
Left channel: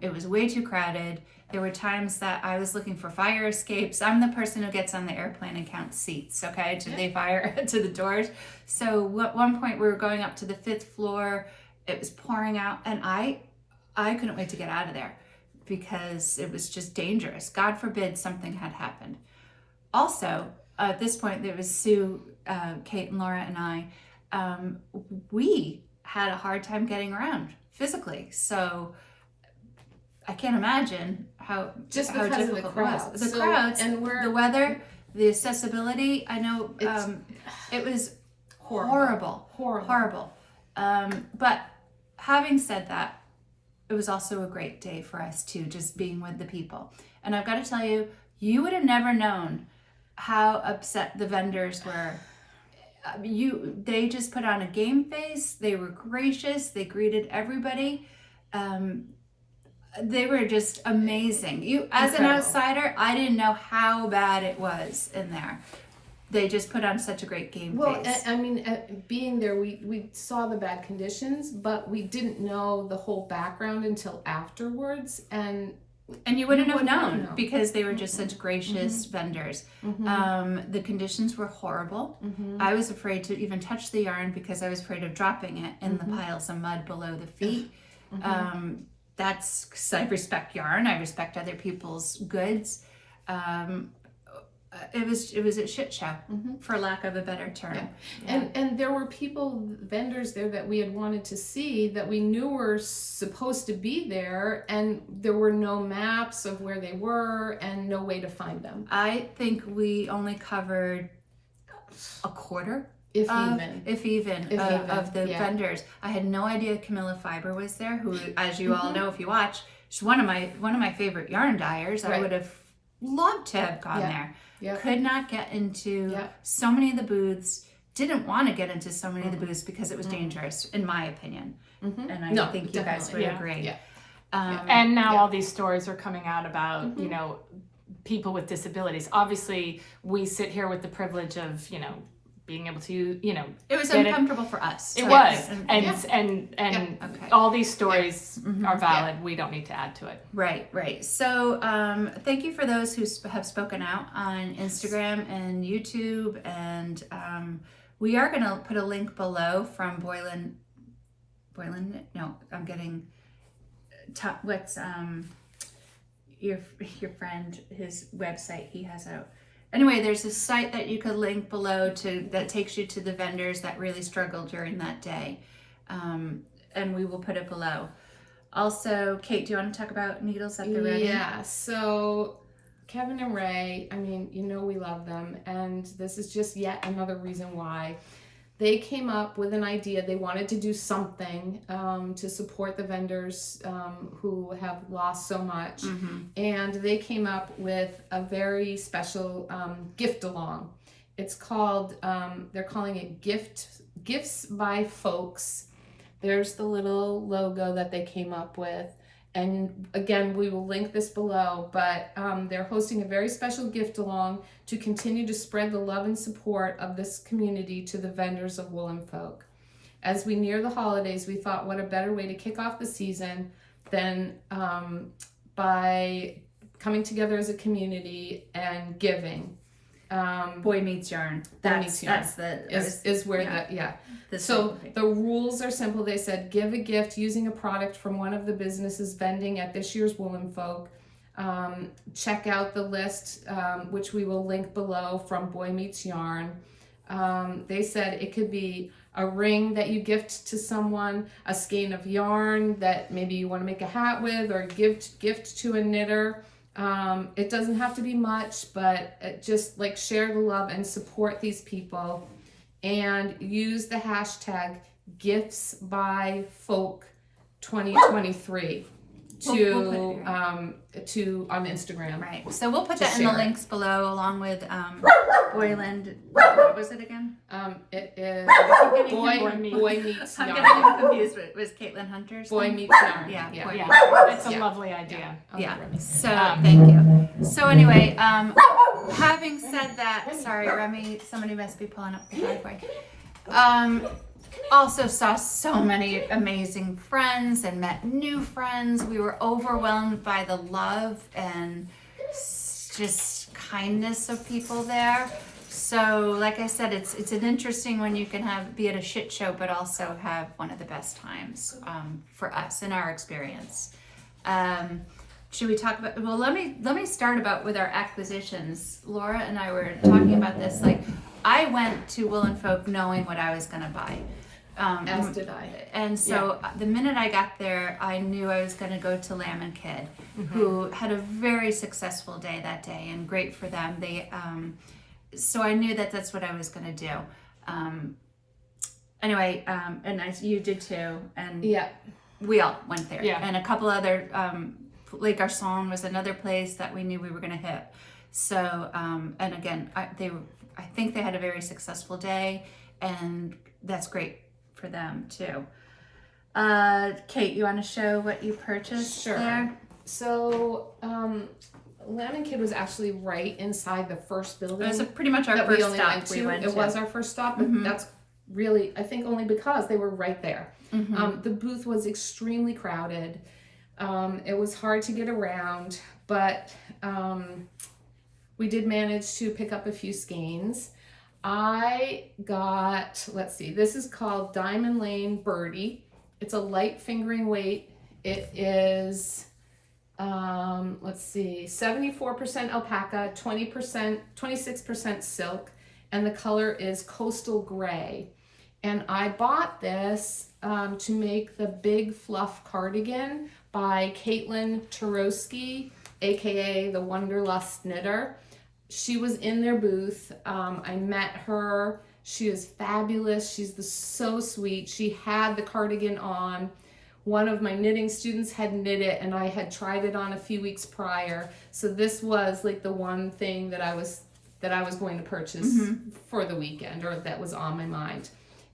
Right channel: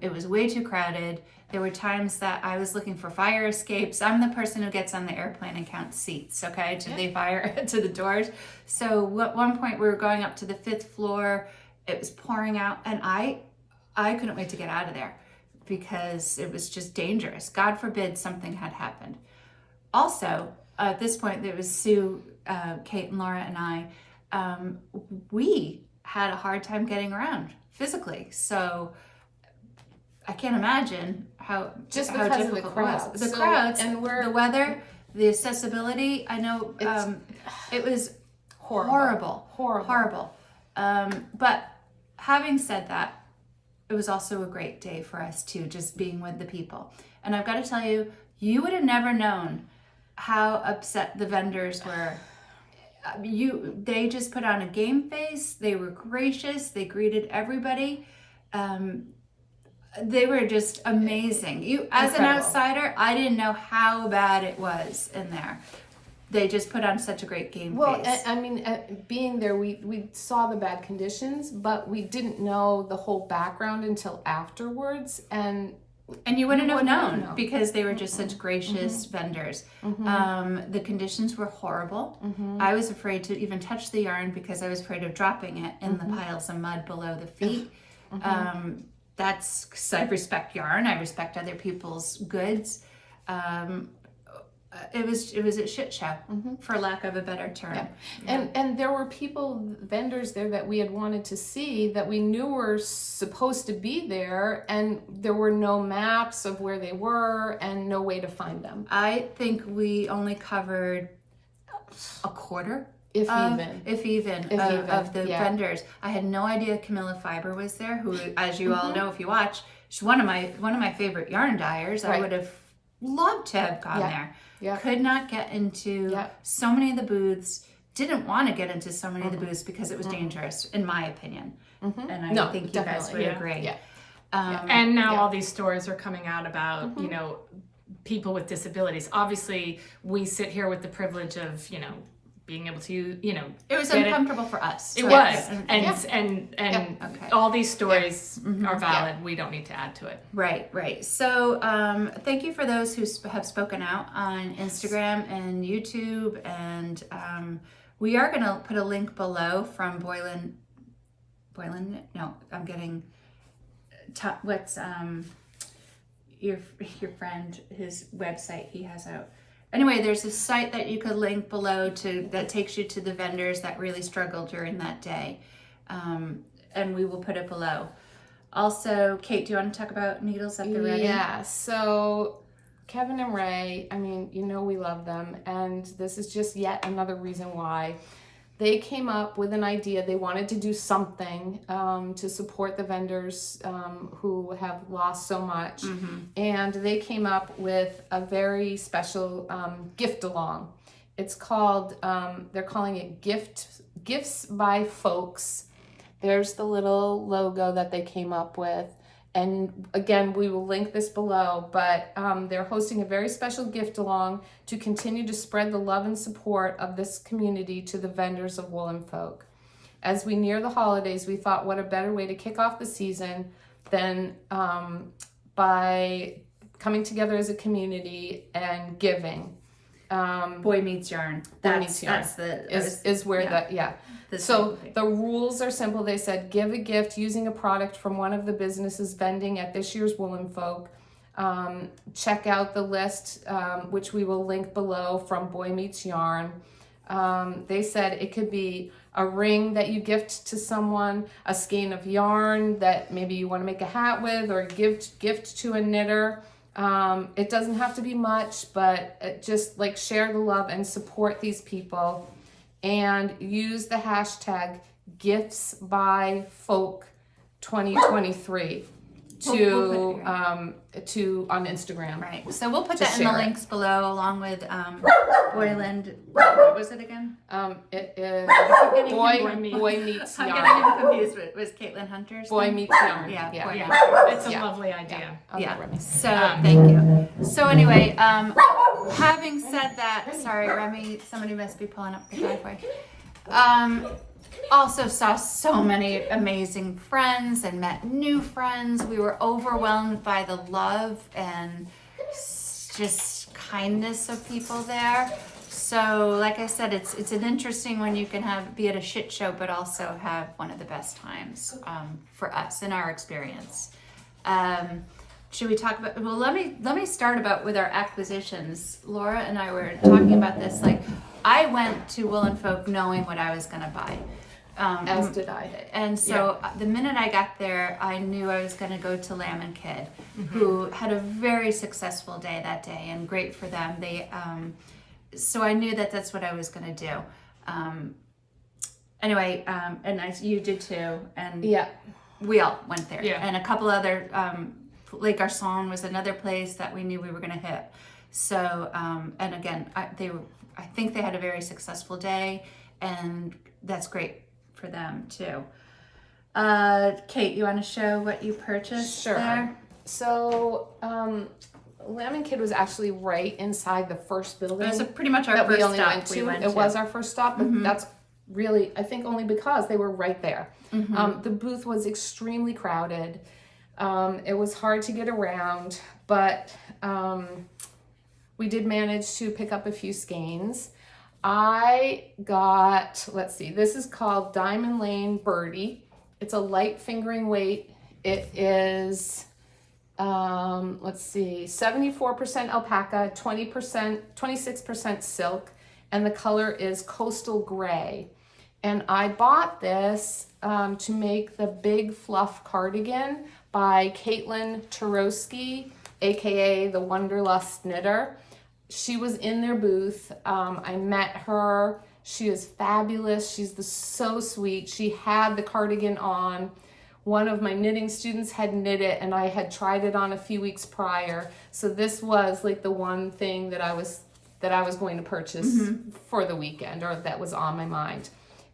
It was way too crowded. There were times that I was looking for fire escapes. I'm the person who gets on the airplane and counts seats, okay? Did they fire to the doors? So at one point we were going up to the 5th floor. It was pouring out, and I couldn't wait to get out of there because it was just dangerous. God forbid something had happened. Also, at this point, there was Sue, Kate, and Laura, and I. We had a hard time getting around physically, so I can't imagine how difficult it was. The crowds, and the weather, the accessibility. I know it was horrible. But having said that, it was also a great day for us too, just being with the people. And I've got to tell you, you would have never known how upset the vendors were. They just put on a game face. They were gracious. They greeted everybody. They were just amazing. As an outsider, I didn't know how bad it was in there. They just put on such a great game face. Well, I mean, being there, we saw the bad conditions, but we didn't know the whole background until afterwards. And you wouldn't have known because they were just such gracious vendors. The conditions were horrible. I was afraid to even touch the yarn because I was afraid of dropping it in the piles of mud below the feet. That's because I respect yarn. I respect other people's goods. It was a shit show, for lack of a better term. And there were vendors there that we had wanted to see that we knew were supposed to be there, and there were no maps of where they were and no way to find them. I think we only covered a quarter If of, even. if even, If even, of the yeah. vendors. I had no idea Camilla Fiber was there, who, as you all know if you watch, she's one of my favorite yarn dyers. I Right. would have loved to have gone there. Yeah. Could not get into Yeah. so many of the booths. Didn't want to get into so many of the booths because it was dangerous, in my opinion. And I think you guys would agree. Yeah. Um, And now all these stories are coming out about, you know, people with disabilities. Obviously, we sit here with the privilege of, you know, being able to, you know, It was get uncomfortable for us. It So was, yeah. and Okay. all these stories are valid. We don't need to add to it. Right. So thank you for those who have spoken out on Instagram and YouTube. And we are going to put a link below from Boylan. No, I'm getting, what's your friend, his website he has out. Anyway, there's a site that you could link below that takes you to the vendors that really struggled during that day. And we will put it below. Also, Kate, do you want to talk about Needles at the Ready? Yeah, so Kevin and Ray, I mean, you know we love them, and this is just yet another reason why. They came up with an idea. They wanted to do something to support the vendors who have lost so much. And they came up with a very special gift along. It's called, they're calling it Gifts by Folks. There's the little logo that they came up with. And again, we will link this below, but they're hosting a very special gift along to continue to spread the love and support of this community to the vendors of Woolen folk. As we near the holidays, we thought what a better way to kick off the season than by coming together as a community and giving. Boy Meets Yarn. That's where So the rules are simple. They said give a gift using a product from one of the businesses vending at this year's Woolen Folk. Check out the list, which we will link below, from Boy Meets Yarn. They said it could be a ring that you gift to someone, a skein of yarn that maybe you want to make a hat with, or gift to a knitter. It doesn't have to be much, but just like share the love and support these people. And use the hashtag GiftsByFolk2023 to on Instagram. Right. So we'll put that in the links below, along with Boyland. What was it again? It is Boy Meets I'm Yarn. getting him confused with Caitlin Hunter's. Boy thing. Meets Yarn. Yeah. Boy Yeah, Meets it's a lovely idea. Yeah. So thank you. So anyway, having said that, sorry, Remy, somebody must be pulling up the driveway. Also saw so many amazing friends and met new friends. We were overwhelmed by the love and just kindness of people there. So like I said, it's an interesting one. You can be at a shit show, but also have one of the best times for us in our experience. Should we talk about? Well, let me start with our acquisitions. Laura and I were talking about this. Like, I went to Woolen Folk knowing what I was going to buy. As did I. And so the minute I got there, I knew I was going to go to Lamb and Kid, who had a very successful day that day, and great for them. They, so I knew that that's what I was going to do. Anyway, and you did too, and we all went there, and a couple other. Lake Garcon was another place that we knew we were going to hit. So, and again, I think they had a very successful day, and that's great for them too. Kate, you want to show what you purchased there? So, Lamb and Kid was actually right inside the first building. It was pretty much our first stop we went to. It was our first stop, but that's really, I think, only because they were right there. The booth was extremely crowded. It was hard to get around, but we did manage to pick up a few skeins. I got, let's see, this is called Diamond Lane Birdie. It's a light fingering weight. It is, let's see, 74% alpaca, 26% silk, and the color is coastal gray. And I bought this to make the Big Fluff Cardigan by Caitlin Turowski, aka the Wanderlust Knitter. She was in their booth. I met her She is fabulous. She's so sweet. She had the cardigan on. One of my knitting students had knit it, and I had tried it on a few weeks prior. So this was like the one thing that I was going to purchase for the weekend, or that was on my mind.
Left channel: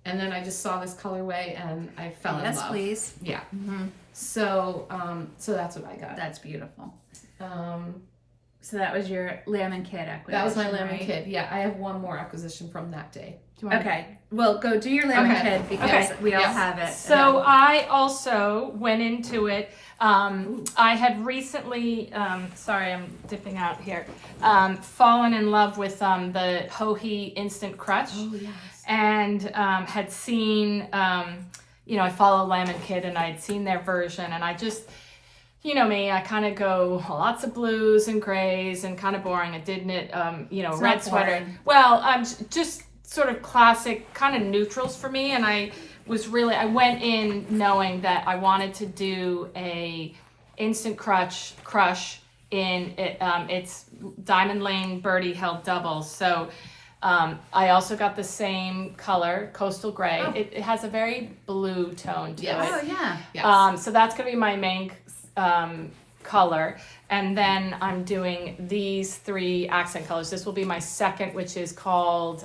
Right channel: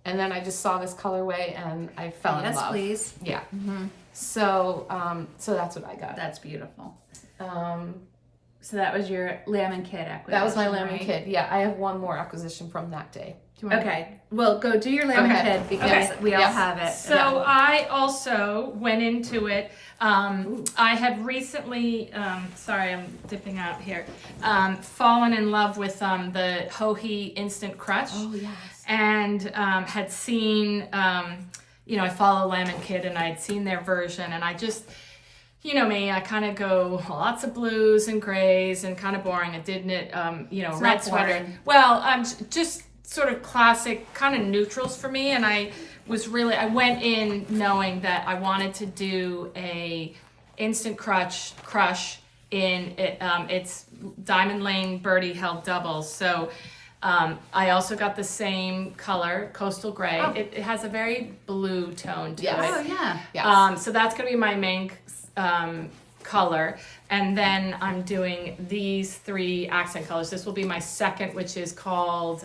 And then I just saw this colorway and I fell in love. Yes, please. Yeah. So that's what I got. That's beautiful. So that was your Lamb and Kid acquisition. That was my Lamb right? and Kid. Yeah, I have one more acquisition from that day. Okay, well, go do your Lamb and Kid because we all have it. So I also went into it. I had recently, sorry, I'm dipping out here, fallen in love with the Hohi Instant Crutch. Oh, yes. And had seen, I follow Lamb and Kid, and I had seen their version, and I just, you know me, I kind of go lots of blues and grays and kind of boring. I did knit, red sweater. Well, just sort of classic kind of neutrals for me, and I went in knowing that I wanted to do a instant crush in it. It's Diamond Lane Birdie held doubles. So I also got the same color, coastal gray. Oh. It has a very blue tone to Yes. it. Oh, yeah. Yes. So that's going to be my main color. And then I'm doing these 3 accent colors. This will be my second, which is called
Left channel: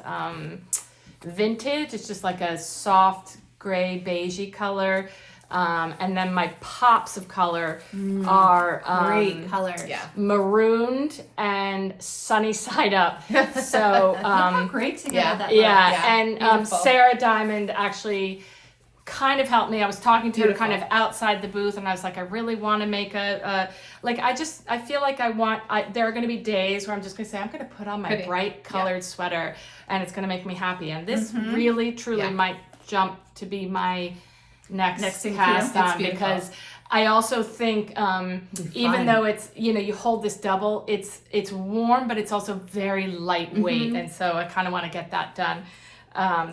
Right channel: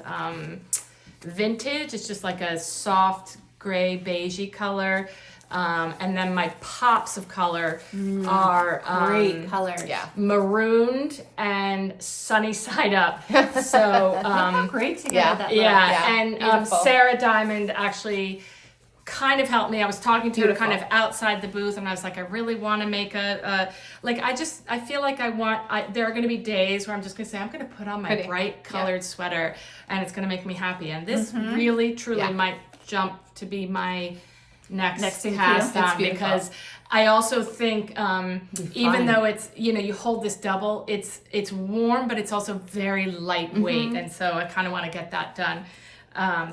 Vintage. It's just like a soft gray beigey color. And then my pops of color are Great color. Yeah. Marooned and Sunny Side Up. So How great together that looks. yeah, and beautiful. Sarah Diamond actually kind of helped me. I was talking to her Beautiful. kind of outside the booth, and I was like, I really want to make I feel like there are going to be days where I'm just going to say, I'm going to put on my Pretty. bright colored sweater, and it's going to make me happy. And this really, truly might jump to be my next thing cast to do. on, because I also think even though it's, you hold this double, it's warm, but it's also very lightweight. And so I kind of want to get that done.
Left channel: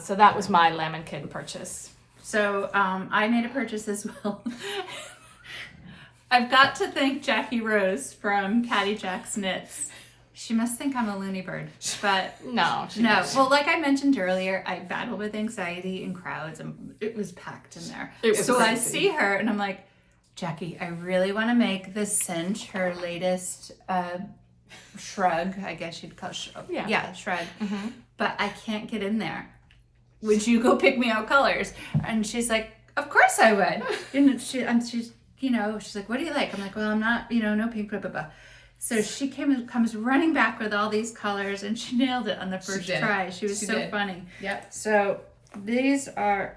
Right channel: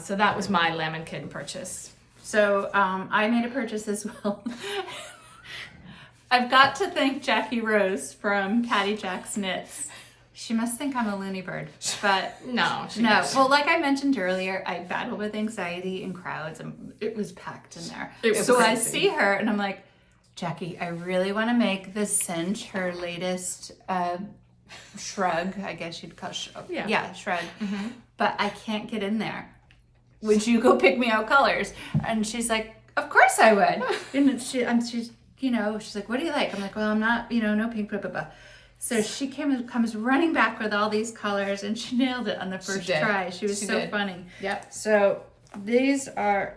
So that was my Lemon Kid purchase. So I made a purchase as well. I've got to thank Jackie Rose from Caddy Jack's Knits. She must think I'm a loony bird, but No. no. Well, like I mentioned earlier, I battle with anxiety in crowds, and it was packed in there. So I see her, and I'm like, Jackie, I really want to make the cinch her latest shrug. I guess you'd call shrug. But I can't get in there. Would you go pick me out colors? And she's like, of course I would. And she's like, what do you like? I'm like, well, I'm not, no pink, blah, blah, blah. So she comes running back with all these colors, and she nailed it on the first try. She was so funny. Yep. So these are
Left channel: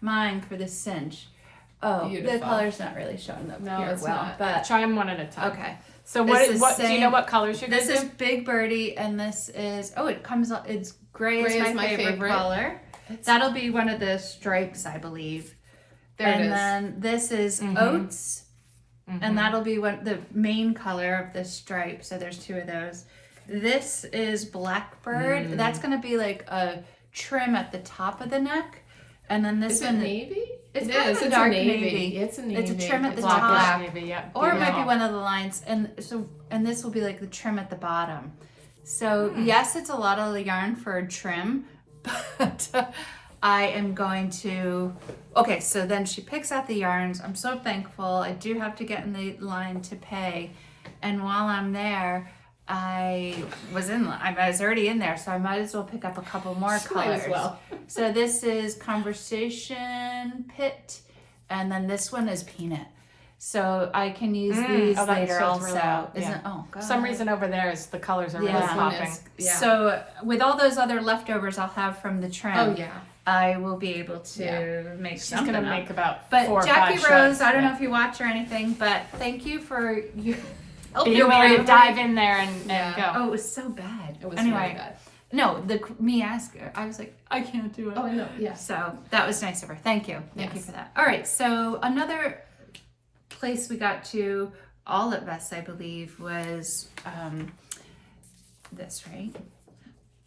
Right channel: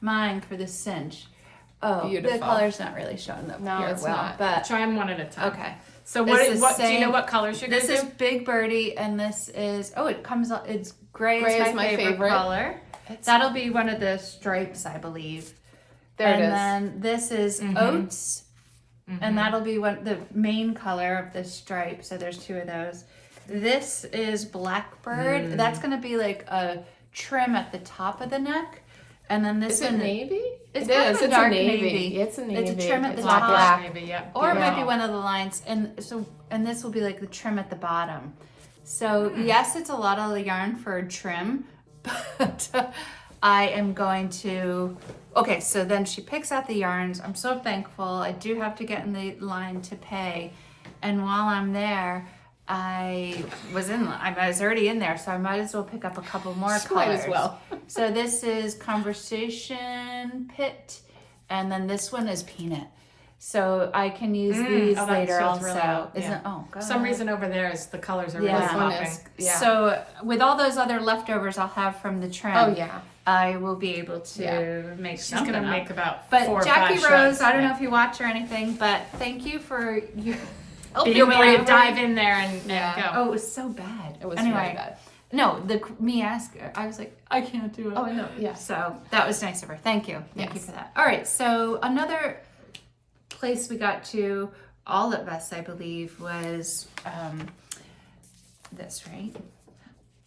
mine for the cinch. Oh, Beautiful. the color's not really showing up No, here it's well, not. but Try them one at a time. okay. So It's what the do you know same- what colors you're going This to is do? Big Birdie, and this is it's gray, Gray is my favorite color. That'll be one of the stripes, I believe. There it is. Then this is oats, and that'll be the main color of the stripe. So there's 2 of those. This is Blackbird. That's gonna be like a trim at the top of the neck, and then this Is one. it navy? It's It kind is. of a It's dark a navy. navy. It's a navy. It's a trim at the Black, top. black. Yep. Or it might be Wow. one of the lines, and this will be like the trim at the bottom. So yes, it's a lot of the yarn for a trim, but I am going to. Okay, so then she picks out the yarns. I'm so thankful. I do have to get in the line to pay, and while I'm there, I was already in there, so I might as well pick up a couple more Might colors. as well. So this is Conversation Pit, and then this one is Peanut. So I can use these that later shows also. really well. Isn't Yeah. oh god. For some reason over there is the colors are really Yeah. This one popping. is- yeah. So with all those other leftovers I'll have from the trim, Oh yeah. I will be able to make She's something gonna up. make about But 4 or Jackie 5 Rose, shreds. I don't know if you watch or anything, but thank you for your helping Being me willing to out. dive in there and Yeah. go. Oh, it was so bad. It was anyway, really bad. no, me ask her. I was like, I can't do it. Oh no. Yes. So that was nice of her. Thank you. Thank you Yes. for that. All right. So another place we got to, all of us, I believe, was this, right?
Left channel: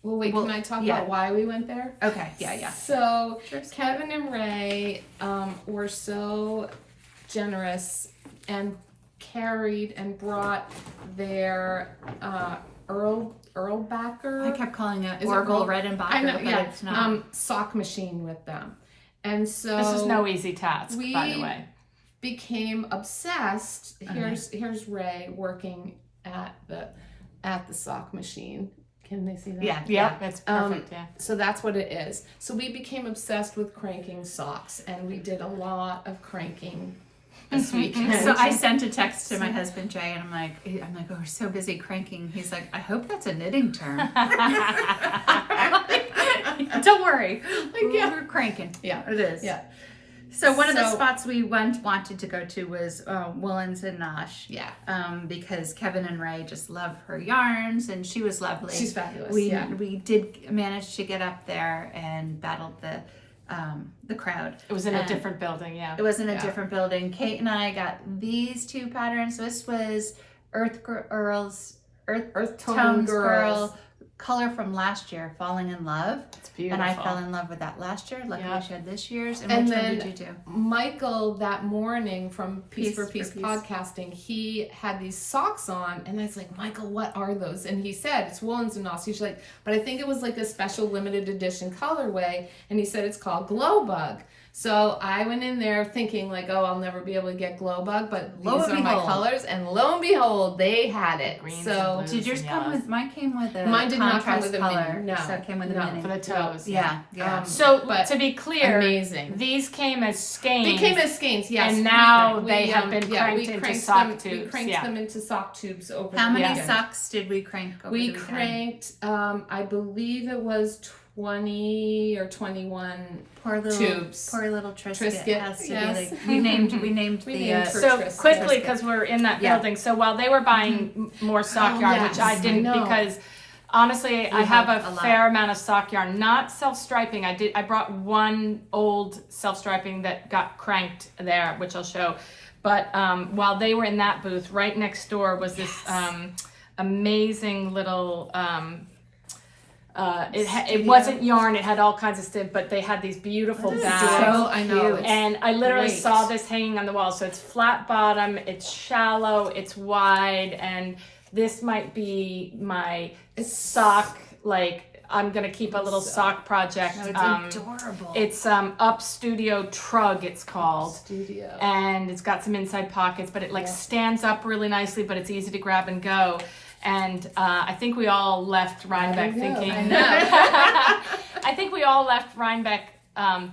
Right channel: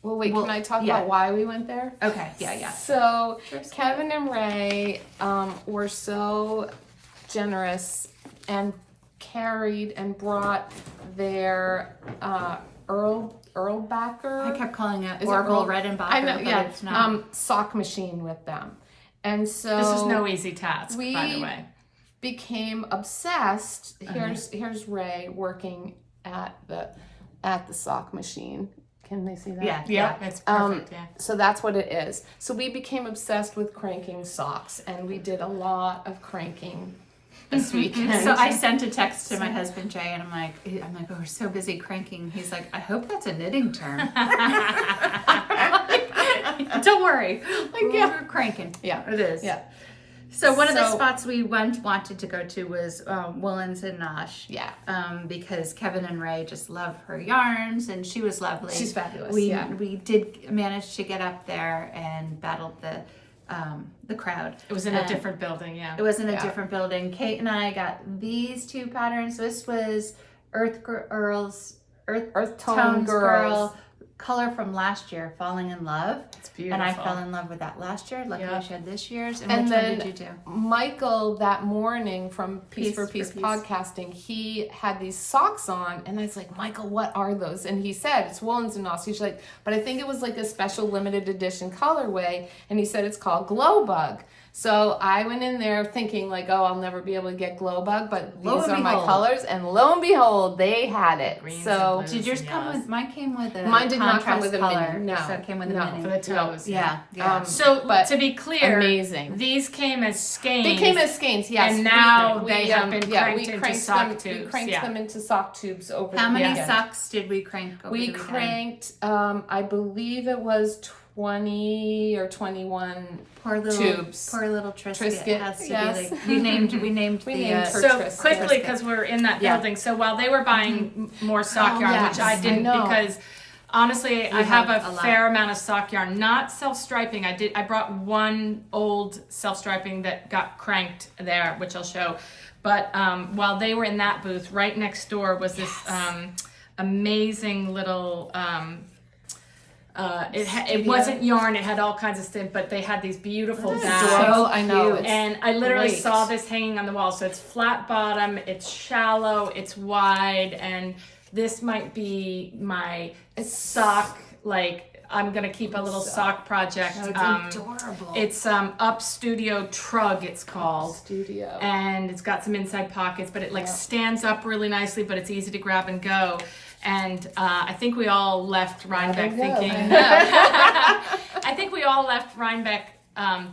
Well, wait. Well, Can I talk yeah. about why we went there? Okay. Yeah. So Sure. Kevin and Ray were so generous and carried and brought their Erlbacher. I kept calling it Is it Orville Earl? Redenbacher, I know, but yeah. it's not. Sock machine with them. And so This is no easy task, by the we way. became obsessed. Here's Ray working at the sock machine. Can they see that? Yeah, that's perfect. So that's what it is. So we became obsessed with cranking socks, and we did a lot of cranking this weekend. So I sent a text to my husband Jay, and I'm like, oh, we're so busy cranking. He's like, I hope that's a knitting term. Don't worry, we're cranking. Yeah, it is. Yeah. So one of the spots we wanted to go to was Woolen's and Nosh. Yeah. Because Kevin and Ray just love her yarns, and she was lovely. She's fabulous. We did manage to get up there and battled the crowd. It was in a different building, yeah. It was in a different building. Kate and I got these two patterns. This was Earth Tones Girl color from last year, Falling in Love. It's beautiful. And I fell in love with that last year. Luckily, she had this year's. And And which one then did you do? Michael, that morning from Piece for Piece Piece. podcasting, he had these socks on, and I was like, Michael, what are those? And he said, it's Woolen's and Nosh. He's like, but I think it was like a special limited edition colorway, and he said it's called Glow Bug. So I went in there thinking like, oh, I'll never be able to get Glow Bug, but these are my colors, and lo and behold, they had it. Greens So and Did yours come with? Mine came with a mine did not come contrast with a color. mini. No, So it came with a mini For the toes. Yeah. So but to be clear, amazing. these came as skeins. They came as skeins, yes. And now We- they we, have been we cranked into cranked sock them, tubes. We cranked them into sock tubes over How the many weekend. socks did we crank over We the weekend? cranked, I believe it was 20 or 21 Poor little tubes. Poor little Trisket, Trisket, has to yes. be like we named We the named her So Trisket. quickly, because we're in that Yeah. building, so while they were buying more sock yarn, yes, which I didn't I know. because honestly, I have have a a lot. fair amount of sock yarn, not self-striping. I brought one old self-striping that got cranked there, which I'll show. But while they were in that booth, right next door was this amazing little. It wasn't yarn; it had all kinds of stuff, but they had these beautiful bags. So I know. And I literally great. saw this hanging on the wall. So it's flat bottom, it's shallow, it's wide, and this might be my sock. Like I'm gonna keep a little sock project. No, it's adorable. It's Up Studio Trug. It's called. Studio. And it's got some inside pockets, but it stands up really nicely, but it's easy to grab and go. And I think we all left Rhinebeck thinking. I know. I think we all left Rhinebeck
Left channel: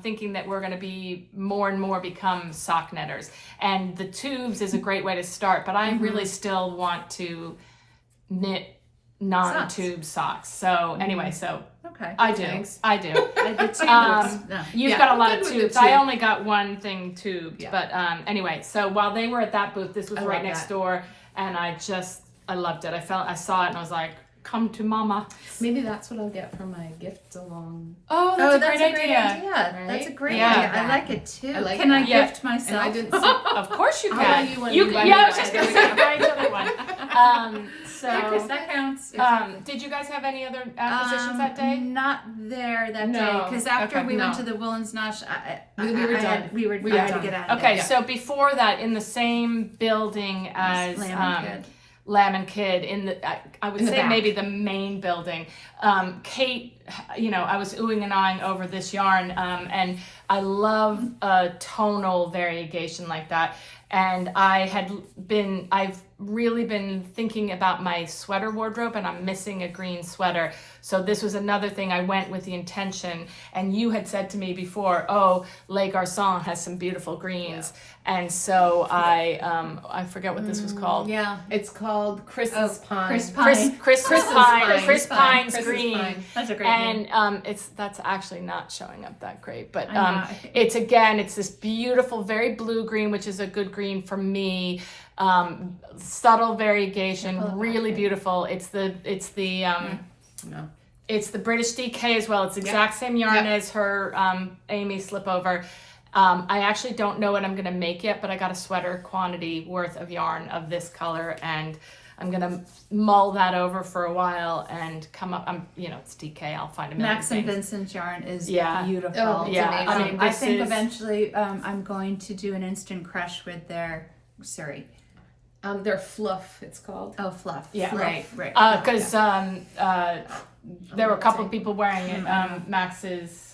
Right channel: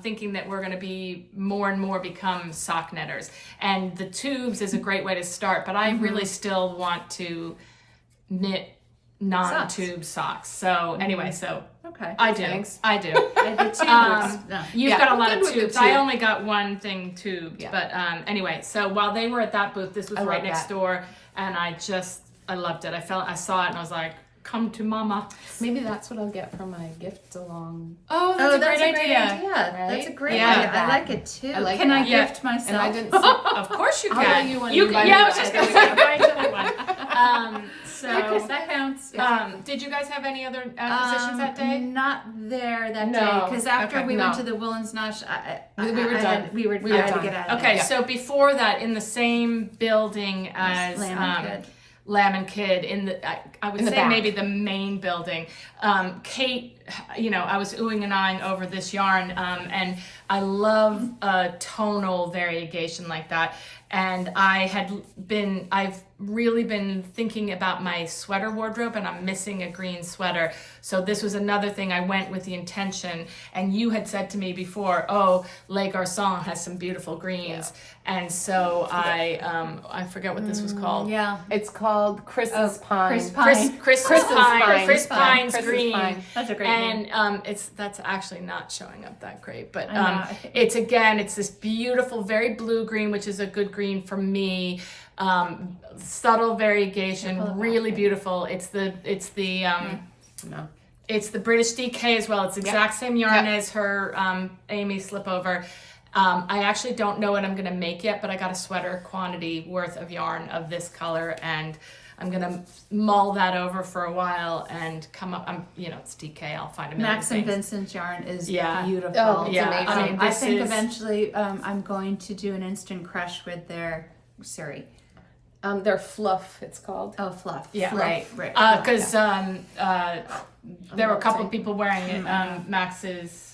thinking that we're going to be more and more become sock knitters. And the tubes is a great way to start, but I really still want to knit non-tube socks. So anyway, Okay. I do. Thanks. I do. The tube no. You've Yeah, got a I'm lot good of with the tubes. tube. I only got one thing tubed, Yeah. but anyway. So while they were at that booth, this was I right love next that. door, and I loved it. I saw it, and I was like, "Come to mama." Maybe that's what I'll get for my gift along. Oh, That's a great idea. That's a Right? great Yeah. idea. I like it too. I like Can I that. Yeah. gift myself? And I didn't see. Of course you I'll can. buy you one, you buy me I was one. just gonna say, I'll buy each other one. So, that counts. did you guys have any other acquisitions that day? Not there that No. day because after Okay. we went No. to the Woolen's Nosh, We were I done. had We I were had to done. get out of Okay, there. so before that, in the same building as Lamb and Kid. Lamb and Kid, in the I would In the say back. maybe the main building. Kate, I was oohing and eyeing over this yarn, and I love a tonal variegation like that. And I've really been thinking about my sweater wardrobe, and I'm missing a green sweater. So this was another thing I went with the intention. And you had said to me before, oh, Les Garcons has some beautiful greens. And so I forget what this was called. Yeah. It's called Chris's Pine. Chris Pine. Chris Pine. Chris Pine's Chris's green. Pine. That's a great name. And that's actually not showing up that great, but I know. it's this beautiful, very blue green, which is a good green for me. Subtle variegation, Pull it back, really yeah. beautiful. It's the it's the British DK as well. It's the exact same yarn as her Amy slipover. I actually don't know what I'm gonna make yet, but I got a sweater quantity worth of yarn of this color, and I'm gonna mull that over for a while and come up. It's DK. I'll find a million Max and things. Vincent's yarn is Yeah. beautiful. Oh, it's Yeah, amazing. I mean, I this think is- eventually I'm going to do an instant crush with their Surrey. They're fluff, it's called. Oh, fluff. Yeah. Right. Because there were a couple of people wearing it. Max's.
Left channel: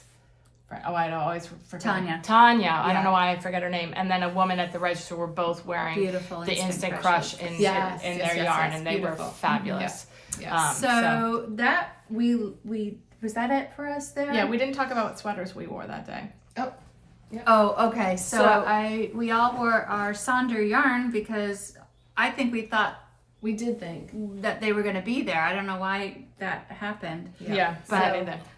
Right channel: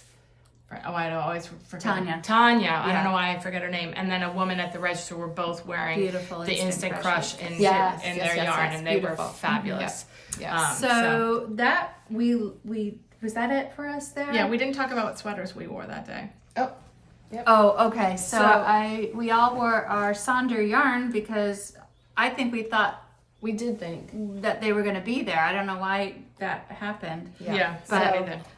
Oh, I always forget. Tanya. I don't know why I forget her name. And then a woman at the register were both wearing Beautiful the Instant Crush in their yarn, and they were fabulous. So that we was that it for us there? Yeah, we didn't talk about what sweaters we wore that day. Oh, okay. So we all wore our Sonder yarn because I think we thought We did think. that they were going to be there. I don't know why that happened. But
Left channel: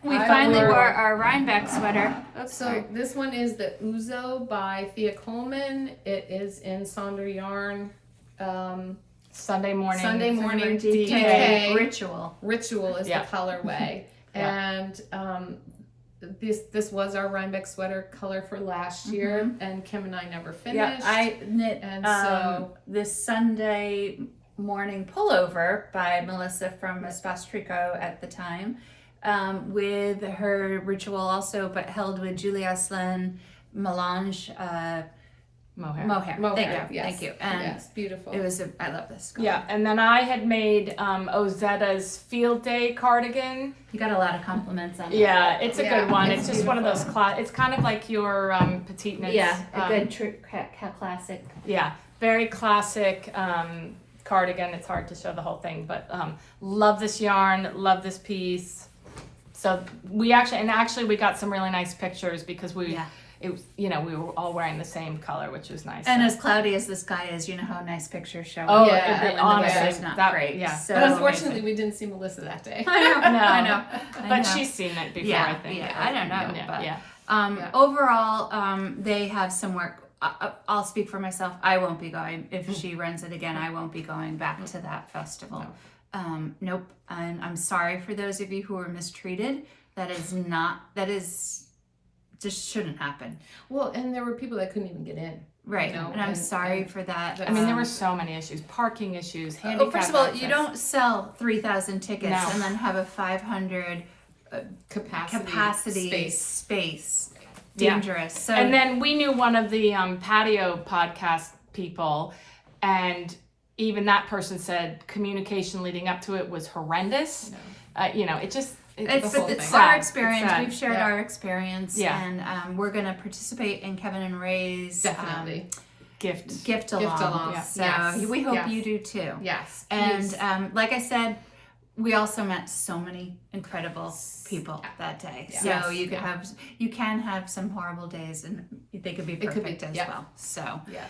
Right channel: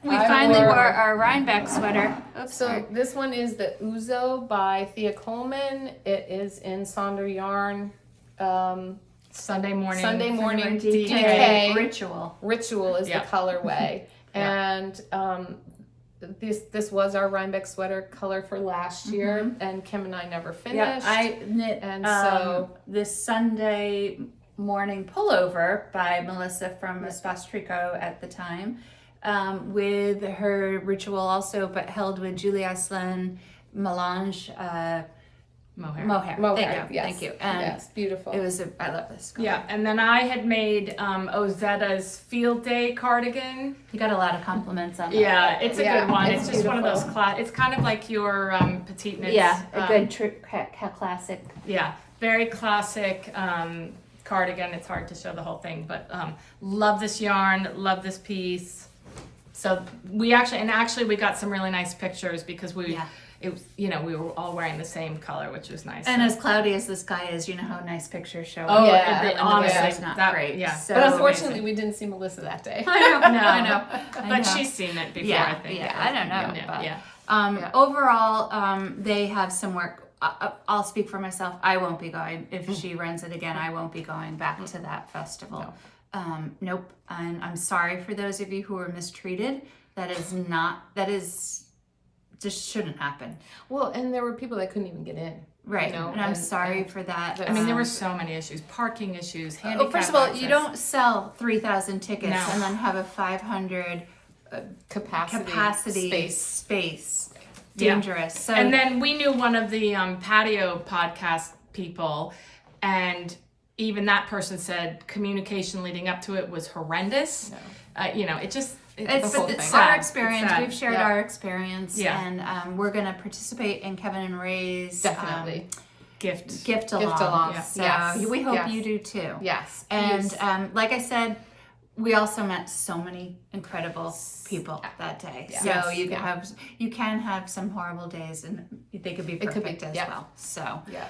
We I finally wore- wore our Rhinebeck sweater. Oops, So sorry. this one is the Uzo by Thea Coleman. It is in Sonder yarn. Sunday morning DK Ritual. Ritual is Yeah. the colorway. Yeah. And this was our Rhinebeck sweater color for last year, and Kim and I never finished. Yeah, I knit And so- this Sunday morning pullover by Melissa from Espace Tricot at the time, with her Ritual also, but held with Julie Aslan Melange mohair. Thank you. And yes, beautiful. it was I love this color. Yeah, and then I had made Ozetta's Field Day cardigan. You got a lot of compliments on that. Yeah, it's a good one. it's It's just one of those it's kind of like your petite knits. Yeah, a good classic. Yeah, very classic cardigan. It's hard to show the whole thing, but love this yarn, love this piece. So we actually got some really nice pictures because we were all wearing the same color, which is nice. And as cloudy as the sky is, you know how nice pictures show Oh, up. yeah, when the honestly, weather's not that- great. yeah. So but unfortunately, we didn't see Melissa that day. I know. But she's seen it before, I think. I don't know. But, Yeah. Overall, they have some work. I'll speak for myself. I won't be going. If she runs it again, I won't be going back to that festival. Nope. And I'm sorry for those of you who were mistreated. That is just shouldn't happen. Well, and there were people that couldn't even get in. Right. You know, and I'm sorry for that. I mean, there were so many issues. Parking issues, handicap first of all, access. you don't sell 3,000 tickets No. and then have a 500 capacity space. Dangerous. So And then we knew one of the patio podcast people, and even that person said communication leading up to it was horrendous. it's sad. our experience. It's sad. We've shared our experience, Yeah. and we're going to participate in Kevin and Ray's Definitely. gift along. Yeah. So Yes. we hope Yes. you do too. Yes. And Yes. like I said, we also met so many incredible people that day. Yeah. So Yes. you can have some horrible days, and they could be perfect as yeah. well. So. Yeah.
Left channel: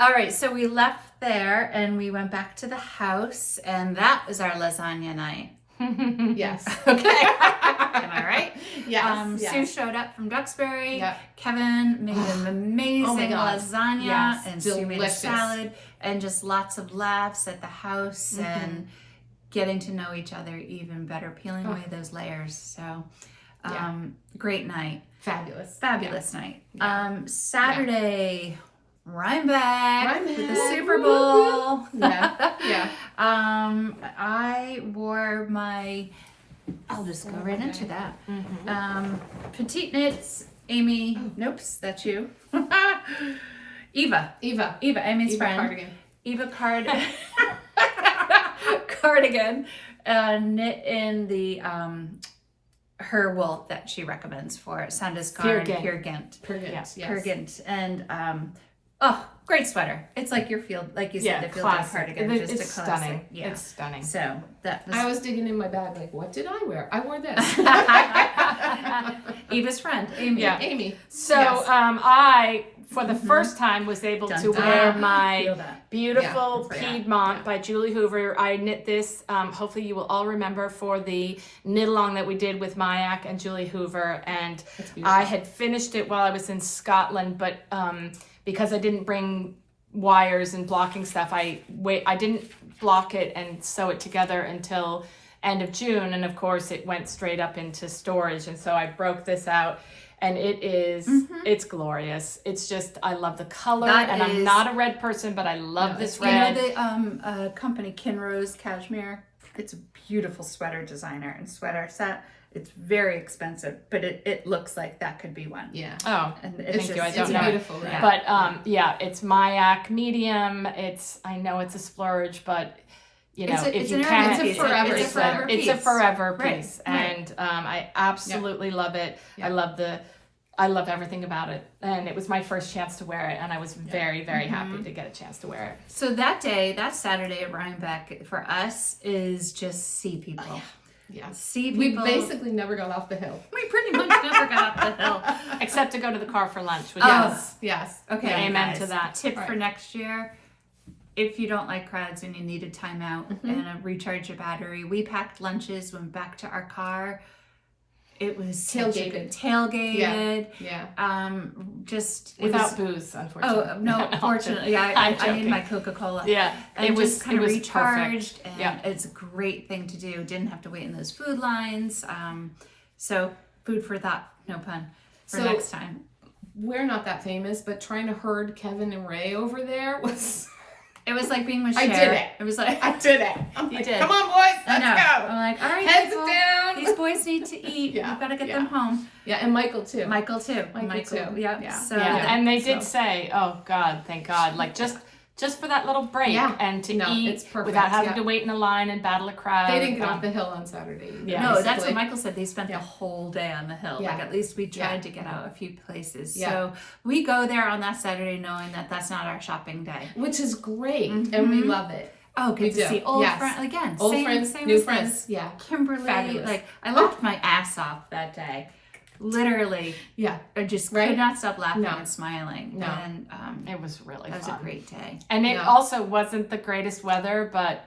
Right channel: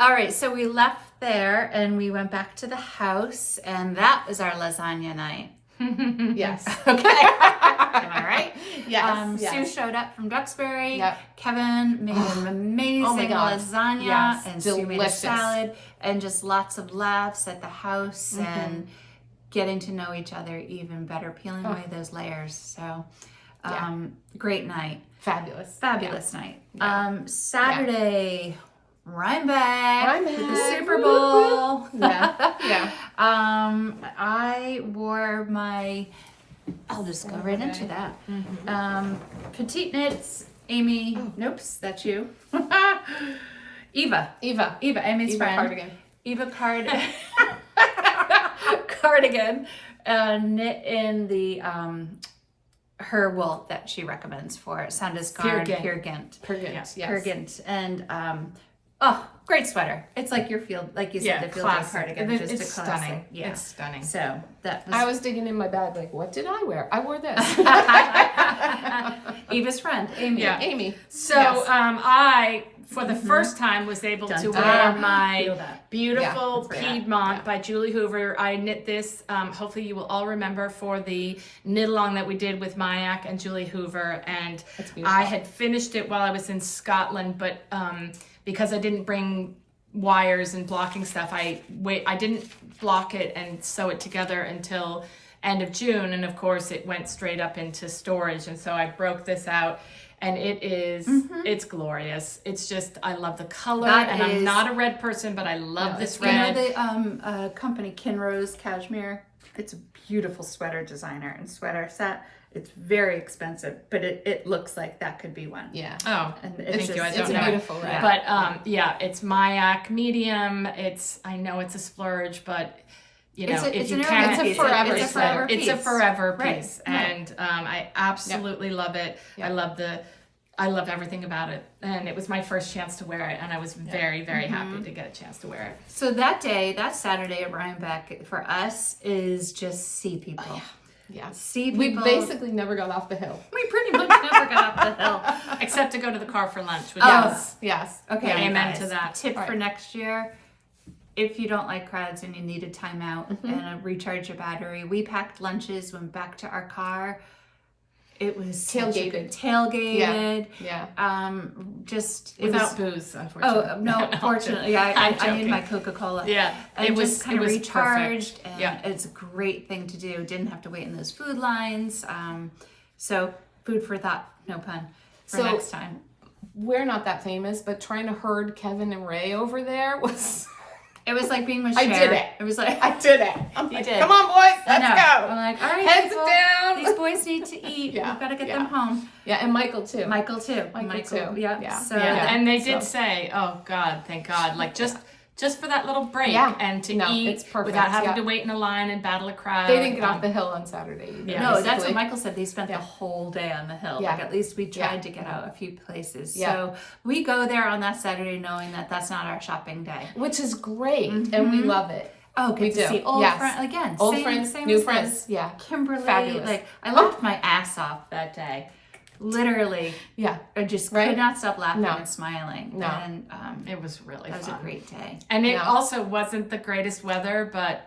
All right, so we left there and we went back to the house, and that was our lasagna night. Yes. Okay. Am I right? Yes. Sue showed up from Duxbury. Yep. Kevin made an amazing God. lasagna, Yes, and Sue made a delicious. salad, and just lots of laughs at the house and getting to know each other even better, peeling away those layers. So, great night. Fabulous night. Saturday, Rhinebeck with the Rhinebeck. Super Bowl. Yeah. I wore my, I'll just go right into that. Petite knits, Amy, nope, that's you. Eva, Amy's friend. Cardigan. Eva Cardigan, knit in the her wool that she recommends for Sandus Garn, Peer Gynt. Yes. Peer Gynt. And great sweater. It's like your field, like you said, the field day cardigan. It's just a classic. stunning. Yeah. It's stunning. So that was I was digging in my bag like, what did I wear? I wore this. Eva's friend, Amy. Yeah. Amy. So Yes. I, for the first time, was able to wear my Feel that. beautiful Yeah. Piedmont by Julie Hoover. I knit this, hopefully you will all remember, for the knit along that we did with Mayak and Julie Hoover. And That's beautiful. I had finished it while I was in Scotland, but because I didn't bring wires and blocking stuff, I didn't block it and sew it together until end of June, and of course it went straight up into storage, and so I broke this out, and it is it's glorious. It's just, I love the color, and I'm not a red person, but I love this red. You know the company Kinrose Cashmere? It's a beautiful sweater designer and sweater set. It's very expensive, but it looks like that could be one. Yeah. Oh, And thank you. I don't It's know. beautiful. Yeah. Right? But it's Mayak medium. I know it's a splurge, but you know, It's if an you urban can, piece. It's a forever It's a forever piece. piece. It's a forever Right, piece, right. and I absolutely love it. Yeah. I love everything about it, and it was my first chance to wear it, and I was very, very happy to get a chance to wear it. So that Saturday at Rhinebeck for us is just see people. Yeah. See We people. basically never got off the hill. We pretty much never got up the hill. Except to go to the car for lunch. Which Oh. Yes. Okay, Yeah, you amen guys, to that. Tip for Right. next year: if you don't like crowds and you need a timeout and a recharge your battery, we packed lunches, went back to our car. It was such a good tailgated. Yeah. Just it without was, booze, unfortunately. Oh no! Fortunately, yeah, I'm I need joking. my Coca-Cola. Yeah, and it was just kind of perfect. recharged, and Yeah. it's a great thing to do. Didn't have to wait in those food lines. So food for thought, no pun, for So- next time. We're not that famous, but trying to herd Kevin and Ray over there was. It was like being with I Cher. did it. It was like I did it. I'm You like, did. Come on, boys. I Let's know. go. I'm like, all right, Heads people, down. these boys need to eat. Yeah, We've got to get yeah. them home. Yeah, and Michael too. Michael too. Michael too. Yep. Yeah. So Yeah, Yeah. and they did So- say, "Oh God, thank God!" Like just for that little break Yeah. and to No, eat it's perfect. without having Yeah. to wait in a line and battle a crowd. They didn't get off the hill on Saturday. Yeah. No, that's basically. what Michael said. They spent Yeah. the whole day on the hill. Yeah. Like at least we tried Yeah. to get out a few places. Yeah. So we go there on that Saturday knowing that that's not our shopping day. Which is great, and we Mhm. love it. Oh, We get to do. see old Yes. friends again. Old same, friends, same new as friends. this. Yeah, Kimberly, Fabulous. like I laughed my ass off that day. Literally, yeah. I just Right? could not stop laughing No. and smiling. No. And It was really that was fun. a great day. And it Yeah. also wasn't the greatest weather, but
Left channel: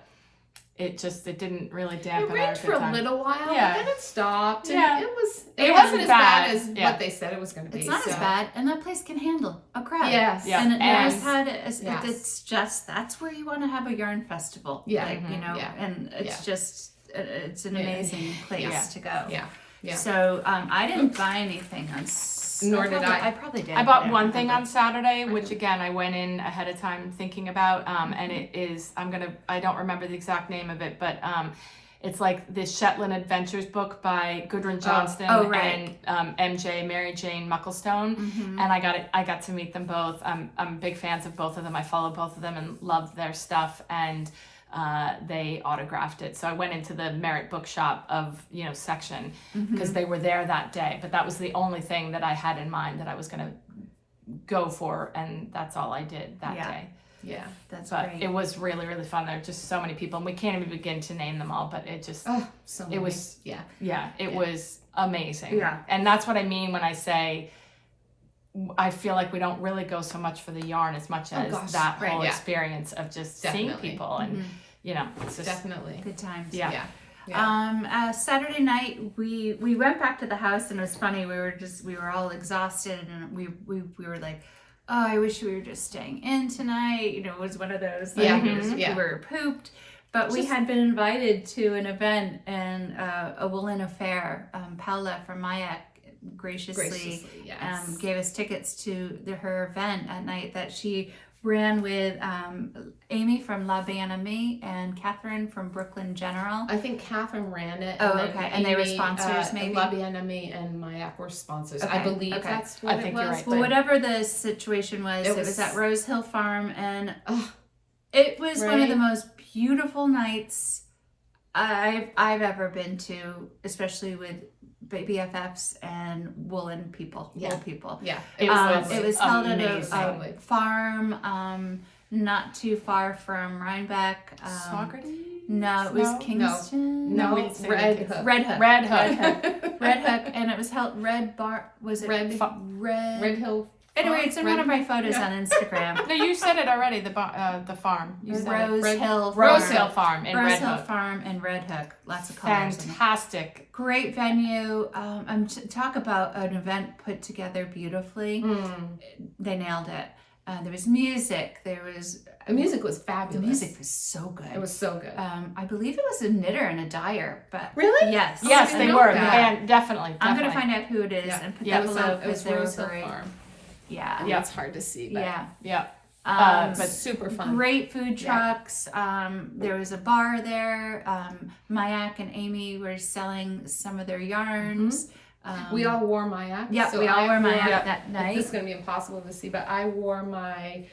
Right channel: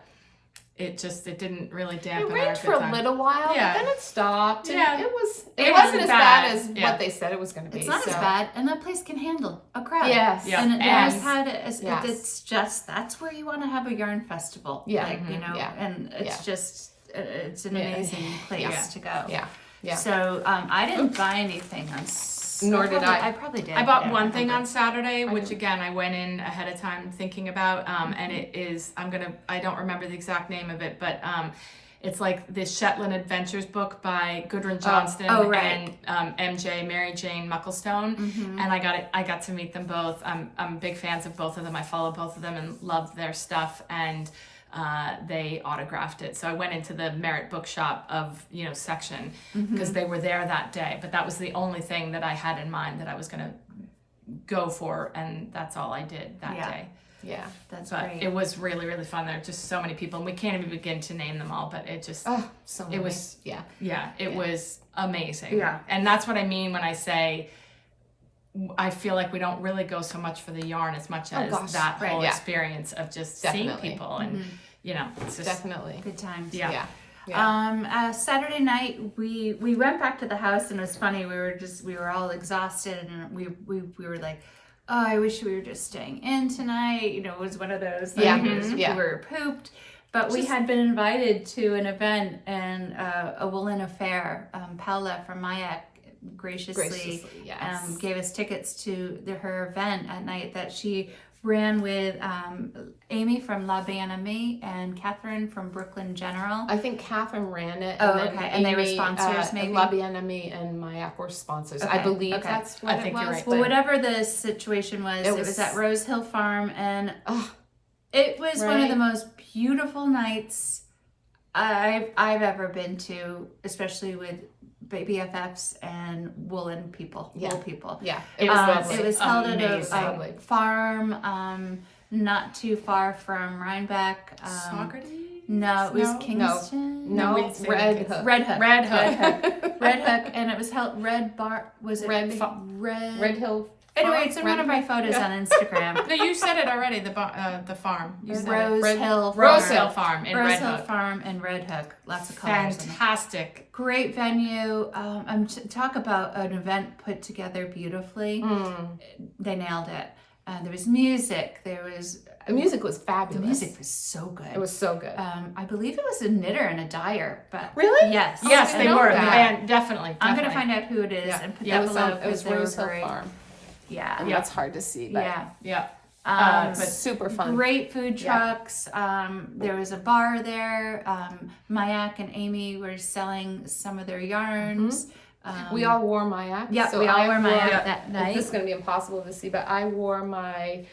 it didn't really It dampen our rained good for a time. little while, Yeah. but then it stopped. And Yeah. it wasn't wasn't as bad. bad as Yeah. what they said it was going to be. It's not as so- bad, and that place can handle a crowd. Yes. Yeah. And it Yes. knows how to. It's Yes. just that's where you want to have a yarn festival. Yeah. Like, you know, Yeah. and it's Yeah. just it's an Yeah. amazing place Yeah. to go. Yeah. Yeah. So I didn't buy anything on. Nor did I. I probably did. I bought don't one thing remember. on Saturday, which again I went in ahead of time thinking about, and it is I don't remember the exact name of it, but it's like the Shetland Adventures book by Gudrun Johnston right. and MJ Mary Jane Mucklestone, and I got to meet them both. I'm big fans of both of them. I follow both of them and love their stuff, and they autographed it. So I went into the Merit Bookshop of section because they were there that day. But that was the only thing that I had in mind that I was going to go for, and that's all I did that day. Yeah. That's But great. it was really, really fun. There are just so many people, and we can't even begin to name them all. But it just, So it was, yeah. it was amazing. Yeah. And that's what I mean when I say I feel like we don't really go so much for the yarn as much as gosh. that Right, whole yeah. experience of just Definitely. seeing people and it's just Definitely. Good times. yeah. Yeah. Saturday night we went back to the house, and it was funny. We were all exhausted, and we were like, oh, I wish we were just staying in tonight. It was one of those. Like, Yeah. it was- Yeah. We were pooped, but we had been invited to an event and a Woolen affair. Paula from Mayak graciously yes. gave us tickets to her event at night that she ran with Amy from La Bien-Aimée and Catherine from Brooklyn General. I think Catherine ran it. Oh, then okay. And they were Amy, sponsors, maybe? La Bien-Aimée and Mayak were sponsors. Okay, I believe okay. that's what I think it was. you're right. Well, but- whatever the situation was, It it was was- at Rose Hill Farm, and Oh, it was one of Right. the most beautiful nights I've ever been to, especially with BFFs and Woolen people, Yeah. wool people. yeah. It was It was held at amazing. a farm not too far from Rhinebeck. Saugerty? No, it was No. Kingston. No, we say Red Kingston. Hook. Red Hook. Red Hook. Red Hook, and it was held Was it Red- Red? Red Hill. Anyway, it's in one of my photos Yeah. on Instagram. No, you said it already. The farm. You said it. Rose Red- Hill Rose Farm. Hill Farm in Rose Red Hill Hook. Farm and Red Hook. Lots of colors. in it. Fantastic. Great venue. Talk about an event put together beautifully. They nailed it. There was music. The music was The fabulous. music was so good. It was so good. I believe it was a knitter and a dyer, but Really? yes, Yes, I they know were. that. And definitely. I'm gonna definitely. find out who it is Yeah. and put Yeah, that it was below on- it because was they were Rose Hill great. Farm. Yeah, Yeah, it's hard to see. But yeah. Yeah. But super fun. Great food trucks. There was a bar there. Mayak and Amy were selling some of their yarns. We all wore Mayak. Yeah, we all wore Mayak that night. This is going to be impossible to see, but I wore my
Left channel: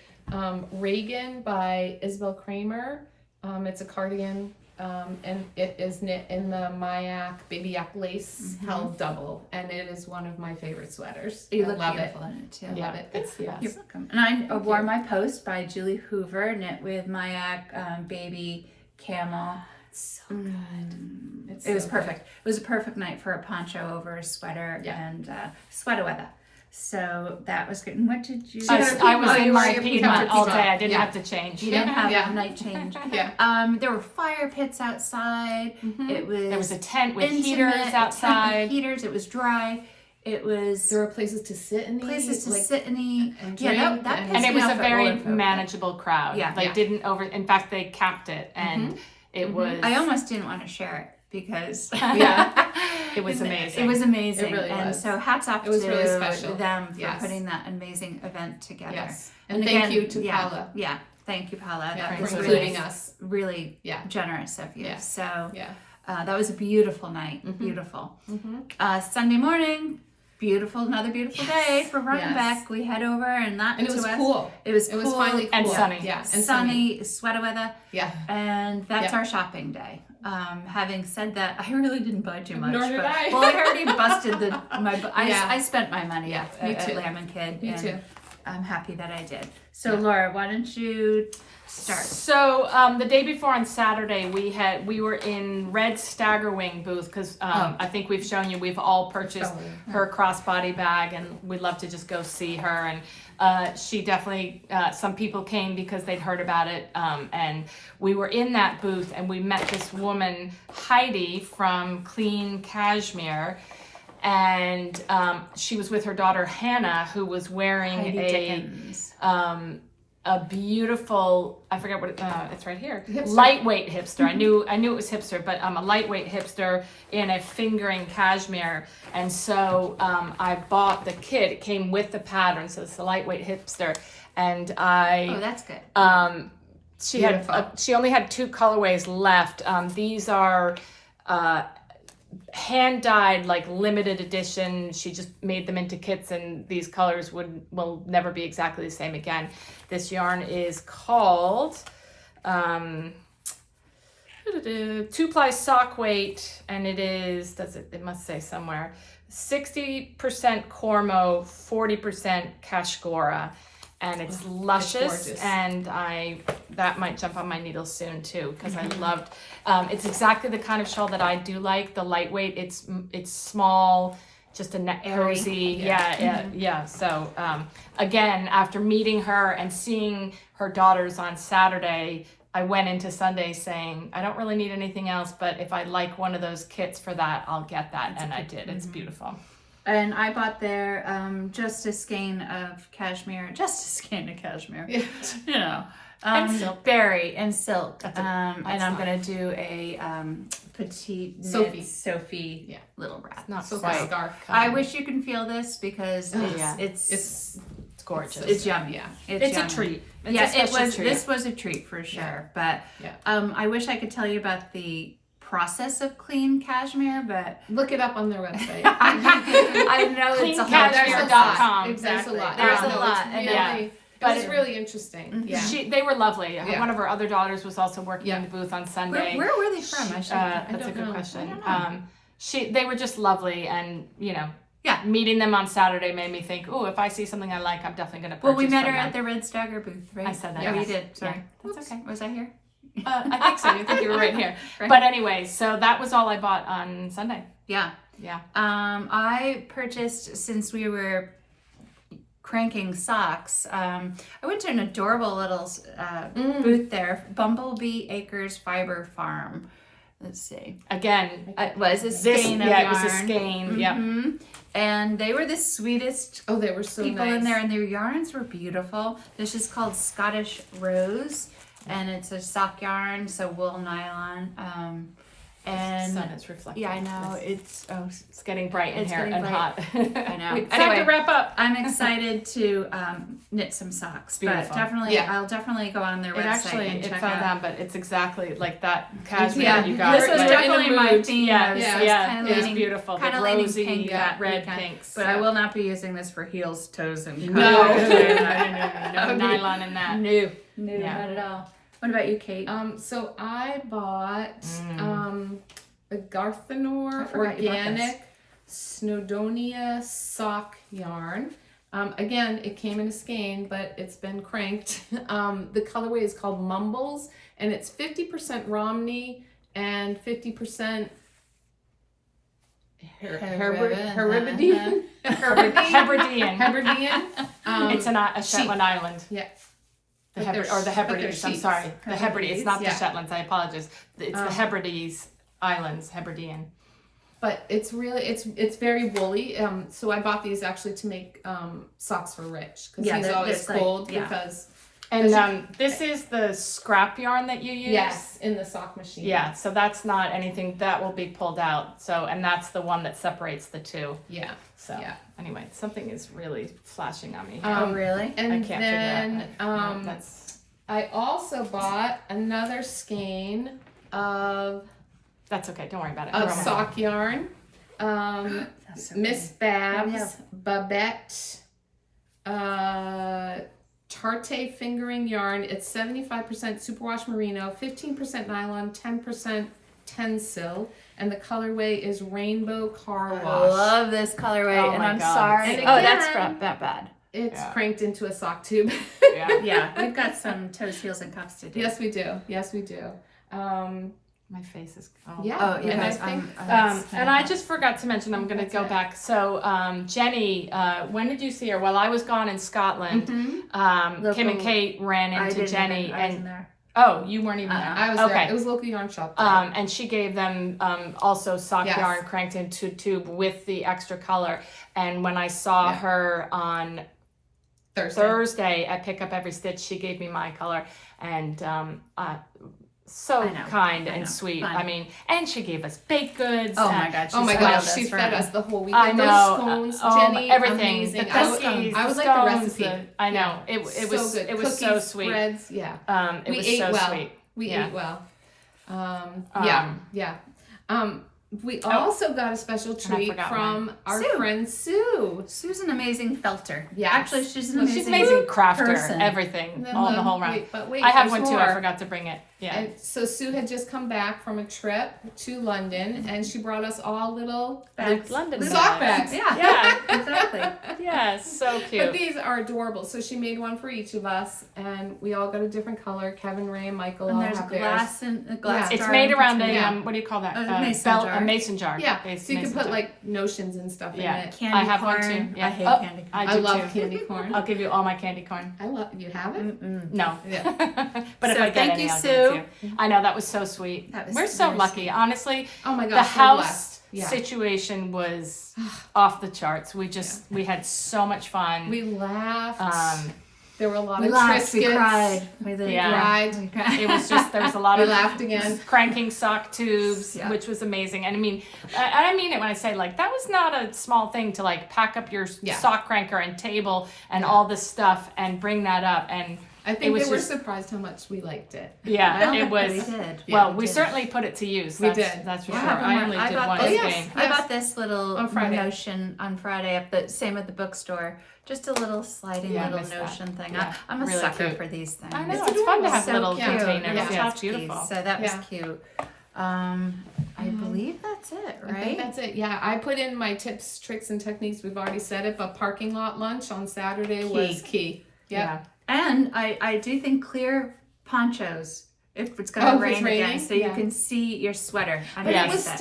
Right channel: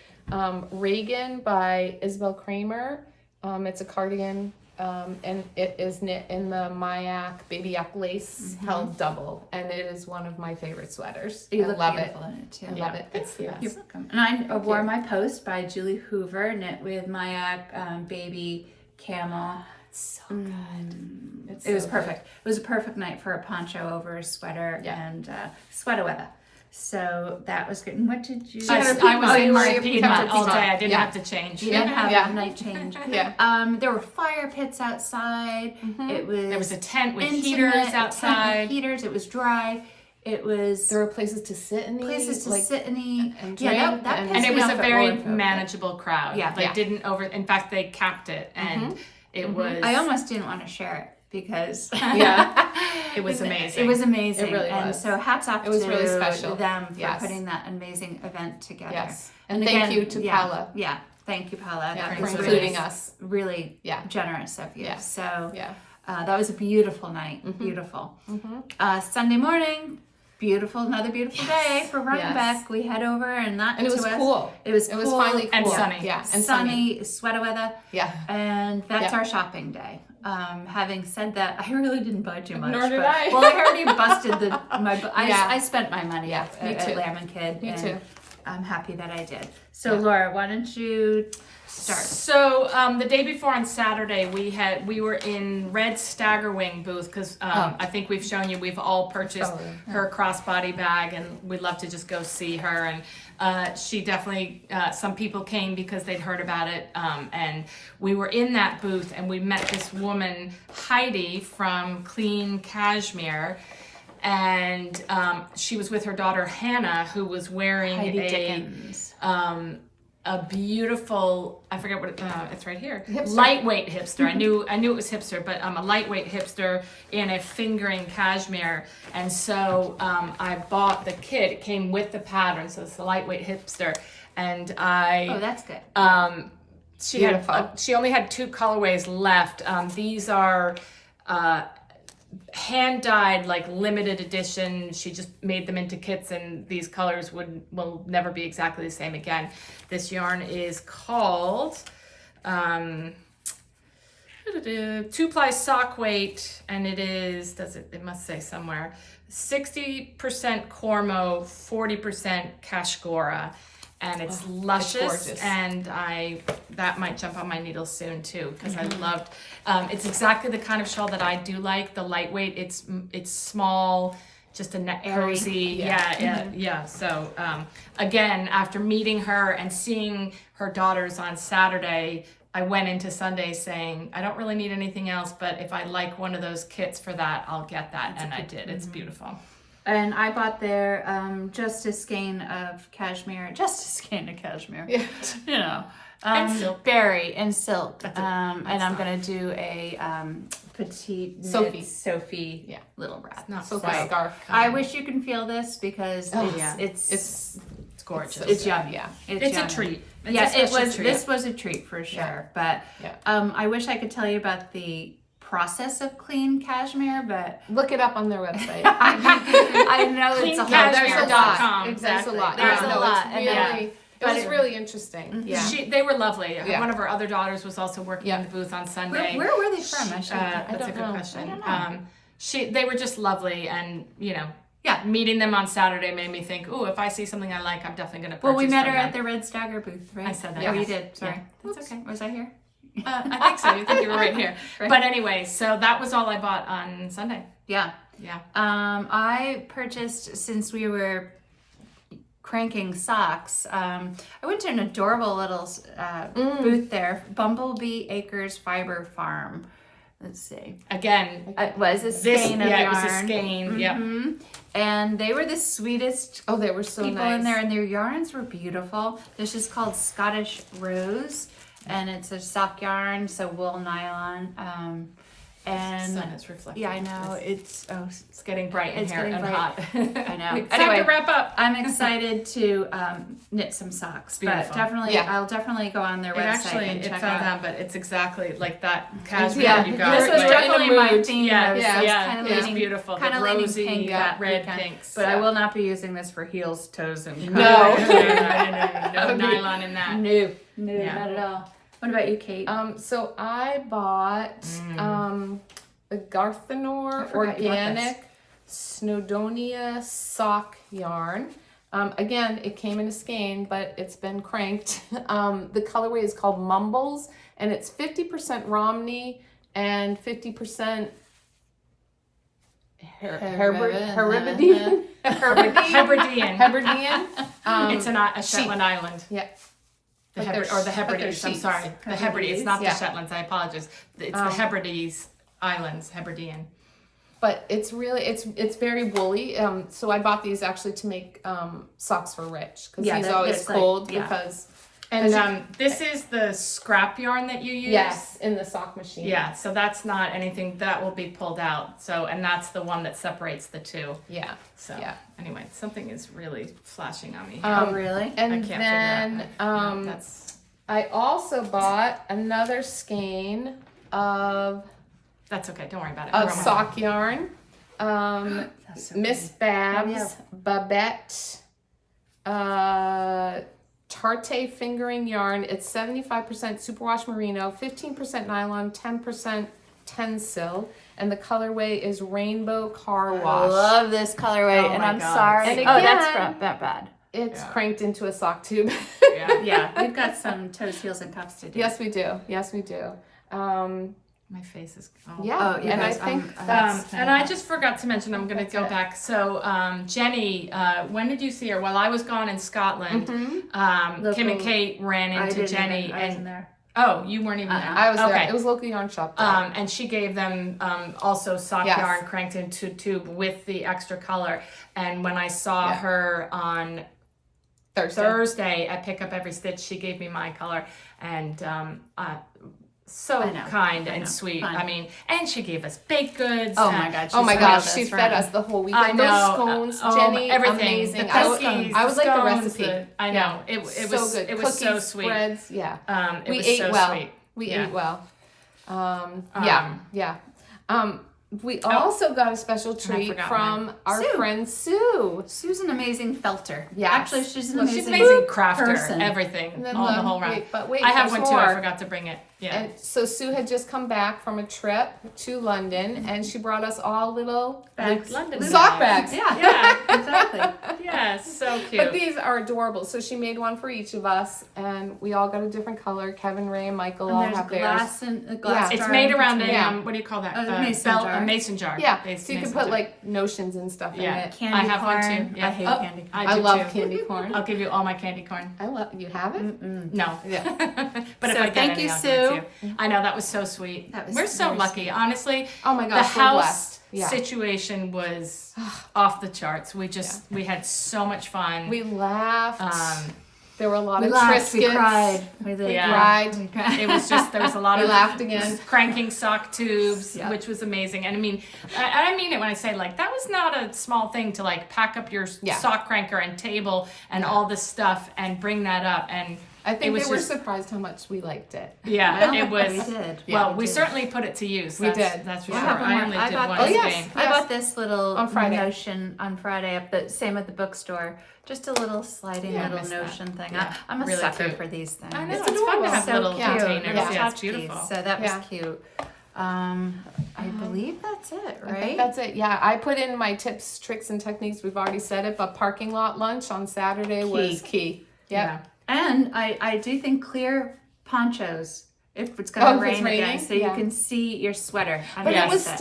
Reagan by Isabel Kramer. It's a cardigan, and it is knit in the Mayak baby yak lace held double, and it is one of my favorite sweaters. You I look love beautiful it. in it too. I love it. It's the best. You're welcome. And I wore my Post by Julie Hoover, knit with Mayak baby camel. So good. It was perfect. It was a perfect night for a poncho over a sweater and sweater weather. So that was good. And what did you? I was in my Piedmont all day. I didn't have to change. You didn't have a night change. There were fire pits outside. There was a tent with intimate, heaters outside. It was dry. It was there were places to sit and eat. sit and eat. And that pissed and it me was off a at very Woolen Folk. manageable crowd. Yeah. They didn't over. In fact, they capped it, and it was. I almost didn't want to share it because it was amazing. It was amazing. It really and was. so hats off It was to really special. them for Yes. putting that amazing event together. Yes. And thank you to yeah, Paula. Yeah, thank you, Paula. Yeah, That for was including us. really Yeah. generous of you. Yeah. So Yeah. that was a beautiful night. Beautiful. Sunday morning, another beautiful day for Rhinebeck. We head over and that And it was cool. It was It cool was finally cool. and sunny. Yeah. And sunny, sweater weather. Yeah. And that's our shopping day. Having said that, I really didn't buy too much. Nor did but, I. Well, I already busted I spent my money Yeah, at me too. Lamb and Kid. Me and too. I'm happy that I did. So Laura, why don't you start? So the day before on Saturday, we were in Red Staggerwing booth because I think we've shown you we've all purchased her crossbody bag, and we'd love to just go see her. And she definitely some people came because they'd heard about it, and we were in that booth and we met this woman Heidi from Clean Cashmere. And she was with her daughter Hannah, who was wearing Heidi Dickens. a beautiful, I forget what it's right here. Lightweight hipster. I knew it was hipster, but a lightweight hipster in a fingering cashmere. And so I bought the kit. It came with the pattern, so it's the lightweight hipster. And Oh, that's good. she only had 2 colorways left. These are hand dyed, like limited edition. She just made them into kits, and these colors will never be exactly the same again. This yarn is called 2-ply sock weight, and it is, it must say somewhere, 60% Cormo, 40% Kashgora, and it's luscious, and that might jump on my needles soon too, because I loved, it's exactly the kind of shawl that I do like, the lightweight, it's small, just a net cozy, yeah. So again, after meeting her and seeing her daughters on Saturday, I went into Sunday saying, I don't really need anything else, but if I like one of those kits for that, I'll get that, and I did. It's beautiful. And I bought there just a skein of cashmere, Yeah. you know. And silk. Berry and silk. And I'm fine. going to do a petite Sophie. Sophie little wrap. Not So so scarf. I wish you can feel this because yeah. it's It's gorgeous. it's yummy. Yeah. It's a yummy. treat. It's Yeah, a it special was. treat. This was a treat for sure. But I wish I could tell you about the process of clean cashmere, but Look it up on their website. I know it's a whole CleanCashmere.com. Exactly. There's a lot. There's Yeah, a no, lot. It's And really, but it was really interesting. Yeah. They were lovely. Yeah. One of our other daughters was also working in Yeah. the booth on Sunday. where were they from? That's I a don't good know. question. I don't know. They were just lovely, and meeting them on Saturday made me think, oh, if I see something I like, I'm definitely going to purchase. Well, we met her from them. at the Red Stagger booth, right? I said that. Oh, Yeah. you did. Sorry. That's okay. Was I here? I think so. I think you were right here. Right. But anyway, so that was all I bought on Sunday. Yeah. Yeah. I purchased, since we were cranking socks, I went to an adorable little booth there, Bumblebee Acres Fiber Farm. Let's see. Again, It was a skein of yarn. it was a skein. Yeah. Mhm. And they were the sweetest Oh, they were so people nice. in there, and their yarns were beautiful. This is called Scottish Rose, and it's a sock yarn, so wool nylon. And sun is reflecting. yeah, I know it's It's getting bright in It's here getting and bright. hot. I know. It's time Anyway, to wrap up. I'm excited to knit some socks, but Beautiful. definitely Yeah. I'll definitely go on their It website actually, and it check fell out. down, but it's exactly like that cashmere Yeah, you got. This was You're in a definitely my mood. theme. Yeah, I was, yeah, I was yeah, kind it of was leaning, beautiful. kind The of leaning rosy, pink that red weekend. pinks. But I will not be using this for heels, toes, and No. no nylon in that. no, Yeah. not at all. What about you, Kate? So I bought the I Gathnor forgot you bought organic Snowdonia Sock yarn. Again, it came in a skein, but it's been cranked. The colorway is called Mumbles, and it's 50% Romney and 50% Herbridean. Hebridean. It's a Shetland island. Yeah. The But they're the but they're Hebrides. I'm sheets. sorry. The Hebrides. It's not Yeah. the Shetlands. I apologize. It's the Hebrides Islands. Hebridean. But it's really it's very woolly. So I bought these actually to make socks for Rich because Yeah, he's that- always that's like- cold yeah. because And this is the scrap yarn that you use. yes, in the sock machine. Yeah. So that's not anything that will be pulled out. So and that's the one that separates the two. Yeah. So Yeah. anyway, something is really flashing on me. Oh, really? And I can't figure then out. No, that's I also bought another skein of okay. Don't worry about it. of We're almost sock yarn. That's so Miss pretty. Babs, Babette, Tarte fingering yarn. It's 75% superwash merino, 15% nylon, 10% Tencel, and the colorway is rainbow car I wash. love this colorway, Oh and my I'm God. sorry. And Oh, that's again- that bad. It's Yeah. cranked into a sock tube. Yeah. Yeah, we've got some toes, heels, and cuffs to do. Yes, we do. Yes, we do. My face is. Yeah. Oh, you and guys, I think And I just forgot to mention, I'm going to That's go it. back. So, Jenny, when did you see her? Well, I was gone in Scotland. Tim and Local- Kate ran I into didn't Jenny. even, I wasn't there. Oh, you weren't even there. I was okay. there. It was local yarn shop. There. And she gave them also sock Yes. yarn cranked into tube with the extra color. And when I saw her on Thursday at Pick Up Every Stitch, she gave me my color. And so I know. kind I and know. sweet. Fun. I mean, and she gave us baked goods. Oh and- my God. Oh my she's gosh, wild she best fed friend. us the whole I weekend. know. Those scones, Jenny, everything. amazing. The I was cookies, I was the like the scones, recipe. I know. It So was good. it was so Cookies, sweet. Spreads, yeah. It We was ate so well. sweet. We Yeah. ate well. Um, Yeah. We also got a special treat forgot from our Sue. friend Sue. Sue's an amazing felter. Yes. Actually, she's an Well, She's amazing, an amazing crafter, person. everything, And then, all the whole round. Wait, I have there's one too. I more. forgot to bring it. Yeah. And so Sue had just come back from a trip to London, and she brought us all little Bags. London Little sock bags. bags. Yeah, exactly. Yeah, so But cute. these are adorable. So she made one for each of us, and we all got a different color. Kevin, Ray, and Michael And all there's have theirs. glass and a glass Yeah. It's jar made in around between. a Yeah. what do you call that? A mason jar. A mason jar. Yeah, Based so you can mason put jar. like notions and stuff Yeah. in it. Candy I have one corn. too. I hate Oh, candy corn. I I do love too. candy corn. I'll give you all my candy corn. I love. You have it? Mm-mm. No. Yeah. But if So I get thank any, you, I'll give it to Sue. you. I know that was so sweet. That was We're so very lucky, sweet. honestly. Oh my The gosh, we're house blessed. Yeah. situation was off the charts. We had so much fun. We laughed. Um, there were a lot We of laughed, we Triscuits. cried. We did. Yeah. cried. We cried. It was just there was a lot We of laughed again. cranking sock tubes, Yeah. which was amazing. And I mean, I mean it when I say like that was not a small thing to like pack up your Yeah. sock cranker and table and all this stuff and bring that up. And I It think was they were just- surprised how much we liked it. yeah, Well, it was. We did. Well, Yeah, we did. certainly put it to use. We That's, did. That's for Well, sure. I have one I more. only I did bought one this. yes. game. I bought this little On Friday. notion on Friday at the same at the bookstore. Just a little sliding Yeah, I little missed that. notion thing. Yeah, I'm a really sucker cute. for these things. I know It's it's, fun to adorable. have So little cute. containers. Little Yeah, it's tchotchkes. beautiful. So that was Yeah. cute. I believe that's it, I think right? that's it. Yeah, I put in my tips, tricks, and techniques. We've already said it, but parking lot lunch on Saturday was key. Yep. Yeah. And I do think clear ponchos if it's gonna Oh, if rain it's again, raining? so you Yeah. can see your sweater But underneath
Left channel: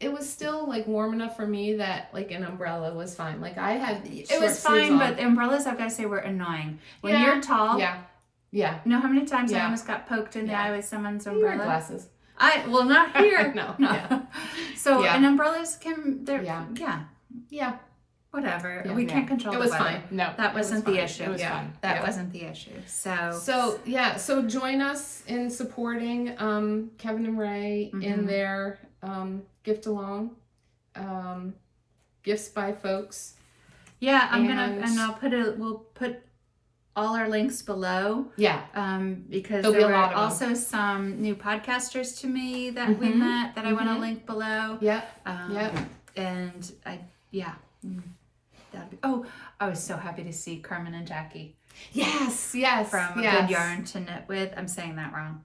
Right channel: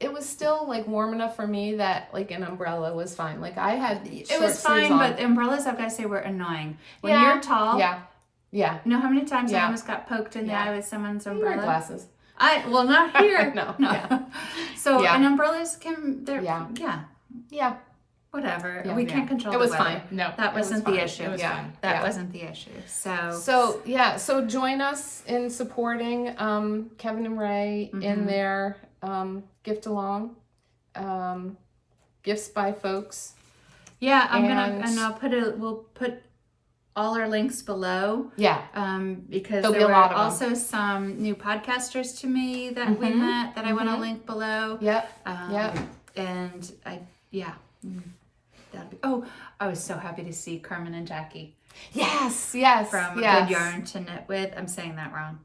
it was still like warm enough for me that like an umbrella was fine. Like I had It short was sleeves fine, on. but the umbrellas I've got to say were annoying. When Yeah. you're tall, yeah, you know how many times I Yeah. almost got poked in the Yeah. eye with someone's you wear umbrella? glasses. Well, not here. No, no. yeah. So Yeah. and umbrellas can they're Yeah. yeah. Yeah, whatever. Yeah. we can't control It the was weather. fine. No, That wasn't the fine. issue. It was Yeah. fun. That wasn't the issue. So So so join us in supporting Kevin and Ray in their gift along, gifts by folks. yeah, And- we'll put all our links below. Yeah. Because There'll there be were a lot of them. also some new podcasters to me that we met that I want to link below. Yep. And that'd be, I was so happy to see Carmen and Jackie Yes. from A Good Yarn to Knit With. I'm saying that wrong.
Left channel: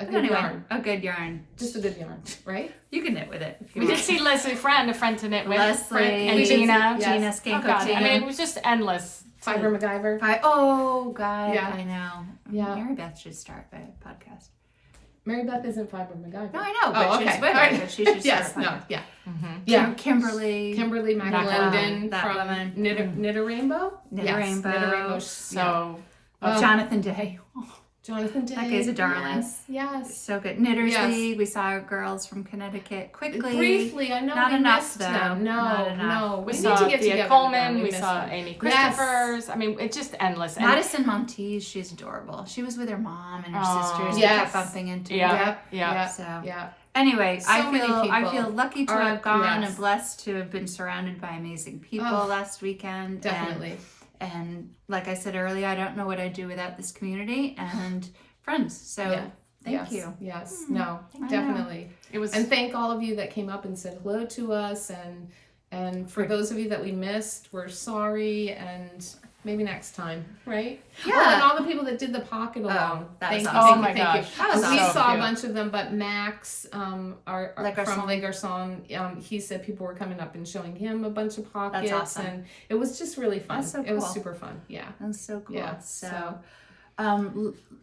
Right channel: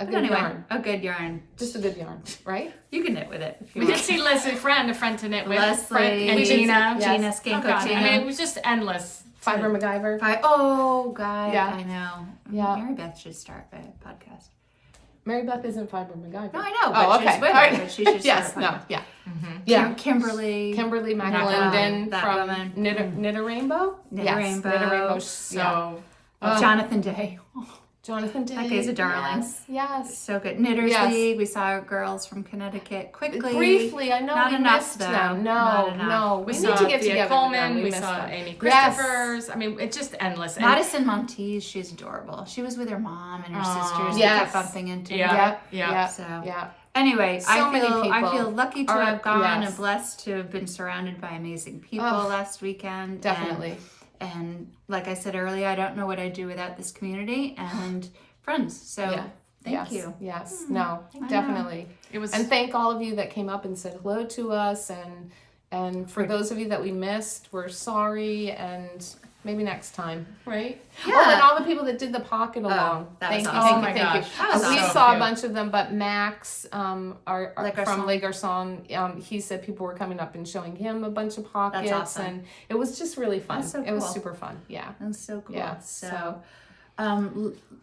A But good anyway, yarn. A Good Yarn. Just a good yarn, right? You can knit with it if you We want. did see Leslie a friend to knit with. Leslie and Gina. Yes. Gina Oh, Skanko God. I mean, it team. was just endless. Fiber MacGyver. God, Yeah. I know. Yeah. Mary Beth should start a podcast. Mary Beth isn't Fiber MacGyver. No, I know, but Oh, she's okay. with All her, right. but she should start Yes. a No. podcast. Yeah. Yeah. Kimberly. Kimberly That McLendon from woman. Knit a Rainbow. Knit a Yes, Rainbow. Knit a Rainbow. So, Jonathan Day. Jonathan Day. That guy's a darling. Yes. So good. Knitters Yes. League. We saw our girls from Connecticut quickly. Briefly, I know Not we enough, missed though. them. No, Not enough. no. we We saw need to get Thea together. Coleman. Yeah, We missed saw them. Amy Yes. Christophers. I mean, it's just endless. And Madison Monteith, she's adorable. She was with her mom and her sisters. Yes. We kept bumping into. Yeah. Yeah. So Yeah. anyway, So I many people feel lucky to are- have gone yes. and blessed to have been surrounded by amazing people Oh, last weekend. Definitely. And like I said earlier, I don't know what I'd do without this community and friends. So Yeah. thank Yes. you. Yes. No. I Definitely. it was. And thank all of you that came up and said hello to us, and for those of you that we missed, we're sorry, and maybe next time, right? Yeah. Oh, and all the people that did the pocket along. that was thank awesome. you, Oh my thank you. gosh. That was We awesome. saw a cute. bunch of them, but Max, our Le Garçon. from Le Garçon, he said people were coming up and showing him a bunch of pockets, awesome. and it was just really fun. That's so It was cool. super fun. Yeah. That's so cool. Yeah, So,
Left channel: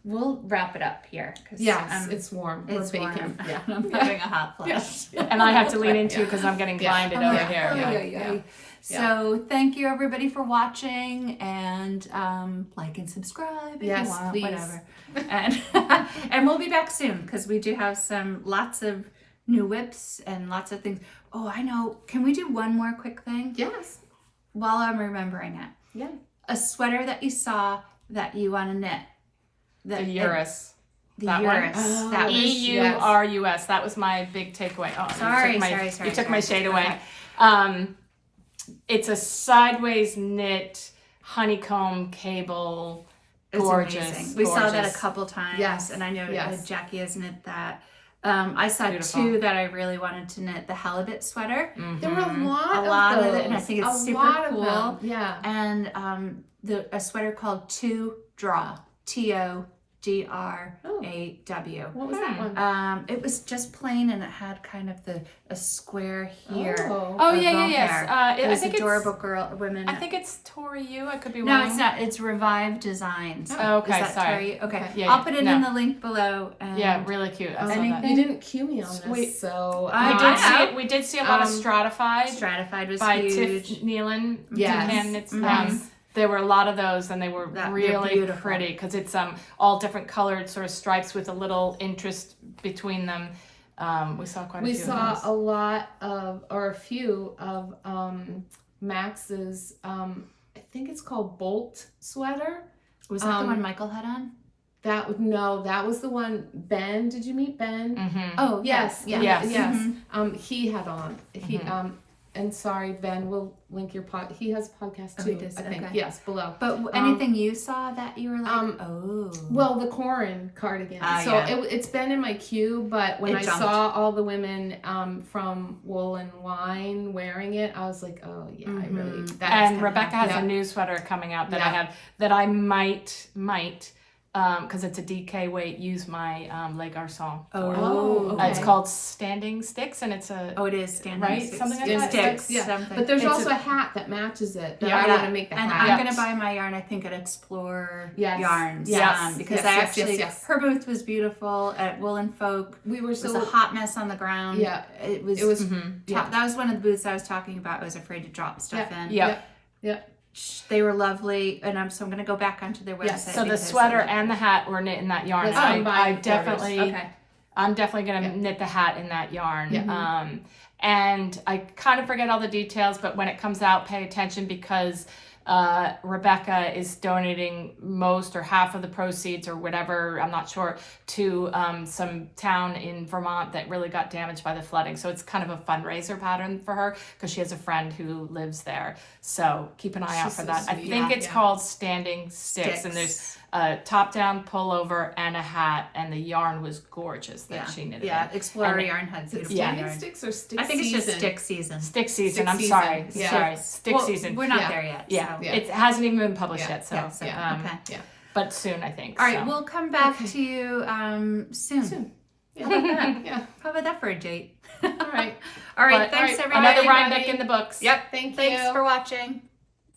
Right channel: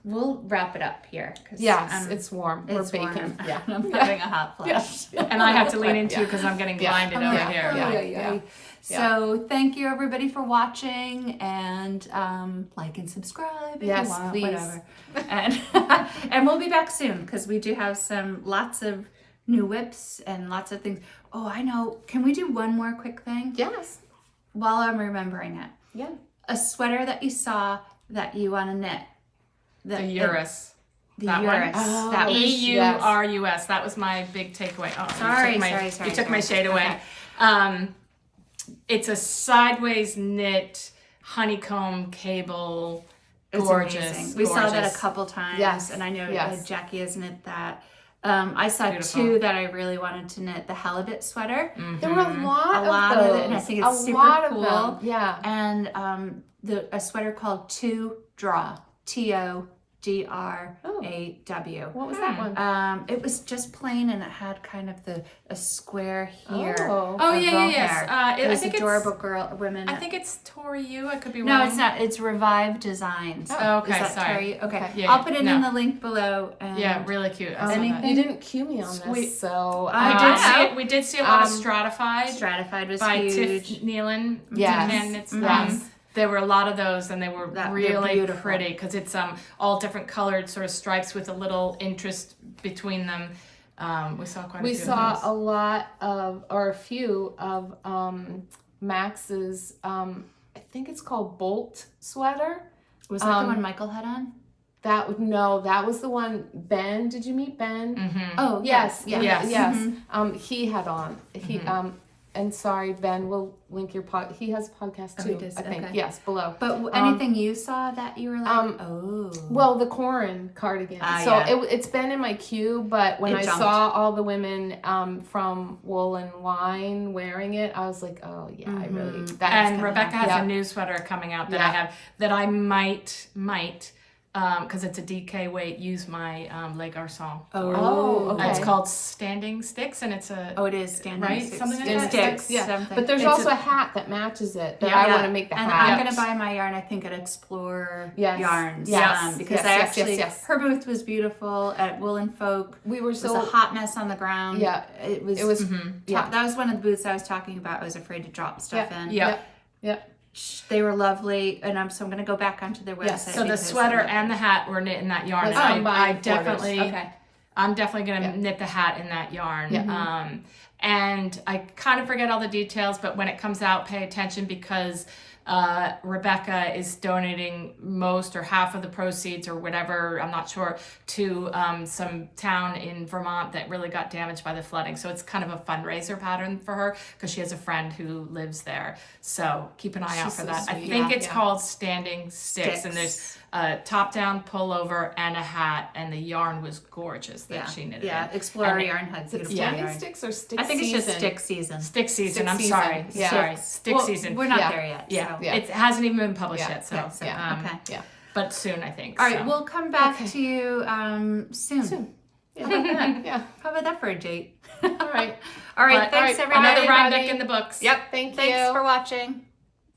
we'll wrap it up here. 'Cause Yes, it's warm. it's We're baking. warm. Yeah. I'm having a hot flash. and I have to lean into because I'm getting Yeah. blinded over here. Yeah. So thank you everybody for watching, and like and subscribe if Yes, you want, please. whatever. And and we'll be back soon because we do have lots of new whips and lots of things. Oh, I know. Can we do one more quick thing Yes. while I'm remembering it? Yeah. A sweater that you saw that you want to knit. The Urus. The That one? Urus. Oh, That was EURUS. That was my big takeaway. Oh, Sorry. You took my shade away. Okay. It's a sideways knit honeycomb cable. It's Gorgeous. amazing. We saw that a gorgeous. couple times, Yes, and I know yes. Jackie has knit that. I saw Beautiful. two that I really wanted to knit: the halibut sweater, There were a lot of of it, and I those. think it's A super lot of cool. them. Yeah. and a sweater called To Draw, TODRAW. What was that one? It was just plain, and it had kind of a square here. Oh. Oh, of yeah, bow yes. hair. I It was think adorable women. I think it's Tori U. I could be No, wrong. it's not. It's Revive Designs. Oh, okay, Is that sorry. Terry? Okay. Yeah, I'll put it no. in the link below. And Yeah, really cute. I saw Anything? that. You didn't cue me on this, Sweet. so We did see a lot of Um, stratified Stratified was by huge. Tiff Nealon. Yes. And it's, Yes. there were a lot of those, and they were They're really beautiful. pretty because it's all different colored sort of stripes with a little interest between them. We saw quite a we few saw of a lot of, or a few of Max's. I think it's called Bolt sweater. Was that the one Michael had on? That was the one. Ben, did you meet Ben? those. Oh, Yes, yes. yes. Mhm. He had on. He and sorry, Ben, we'll link your pod. He has a podcast Oh, too. he does? I think. Okay. Yes, below. But anything you saw that you were like, oh. Well, the Corran Cardigan. Ah, So yeah. it's been in my queue, but when It I jumped. saw all the women from Woolen Wine wearing it, I was like, oh yeah, I really. That's And gonna Rebecca has happen. a new sweater coming out that Yeah. I have that I might because it's a DK weight, use my Le Garçon. Oh, okay. It's called Standing Sticks, and it's a Oh, it is standing Right? sticks. Something like Yeah, that. Sticks, yeah. something. But there's It's also a- a hat that matches it. That Yeah. I want to make the And hat. I'm gonna buy my yarn, I think, at Explore Yes. Yarns. Yes. Because Yes, I yes, actually, yes. her booth was beautiful at Woolen Folk. We were It was so a hot mess on the ground. Yeah. It was. It was. top- That was one of the booths I was talking about. I was afraid to drop stuff in. Yeah. They were lovely, and I'm going to go back onto their website. Yes. So the because sweater I love and the hat were knit in that yarn. That's And fine by I quarters. definitely, Okay. I'm definitely gonna Yeah. knit the hat in that yarn. Yeah. And I kind of forget all the details, but when it comes out, pay attention because Rebecca is donating most or half of the proceeds or whatever, I'm not sure, to some town in Vermont that really got damaged by the flooding. So it's kind of a fundraiser pattern for her because she has a friend who lives there. So keep an eye out for so that. I sweet. think Yeah. it's called Standing Sticks, and there's a top-down pullover and a hat, and the yarn was gorgeous that she knitted. Yeah, in. Explorer And- Yarn had beautiful Standing yarn. sticks or stick I think it's season? just stick season. Stick season. Stick I'm season. sorry. Yeah. Sorry. Stick Well, season. We're not Yeah. there yet. Yeah. So. Yeah. It hasn't even been published Yeah. yet, so Yeah, so okay. Yeah. but soon I think. All right, so. we'll come back Okay. to you soon. Soon. How about that? Yeah. How about that for a date? All right. All right, But- thanks all right, everybody. Another Bye, Rhinebeck everybody. in the books. Yep. Thank you. Thanks for watching.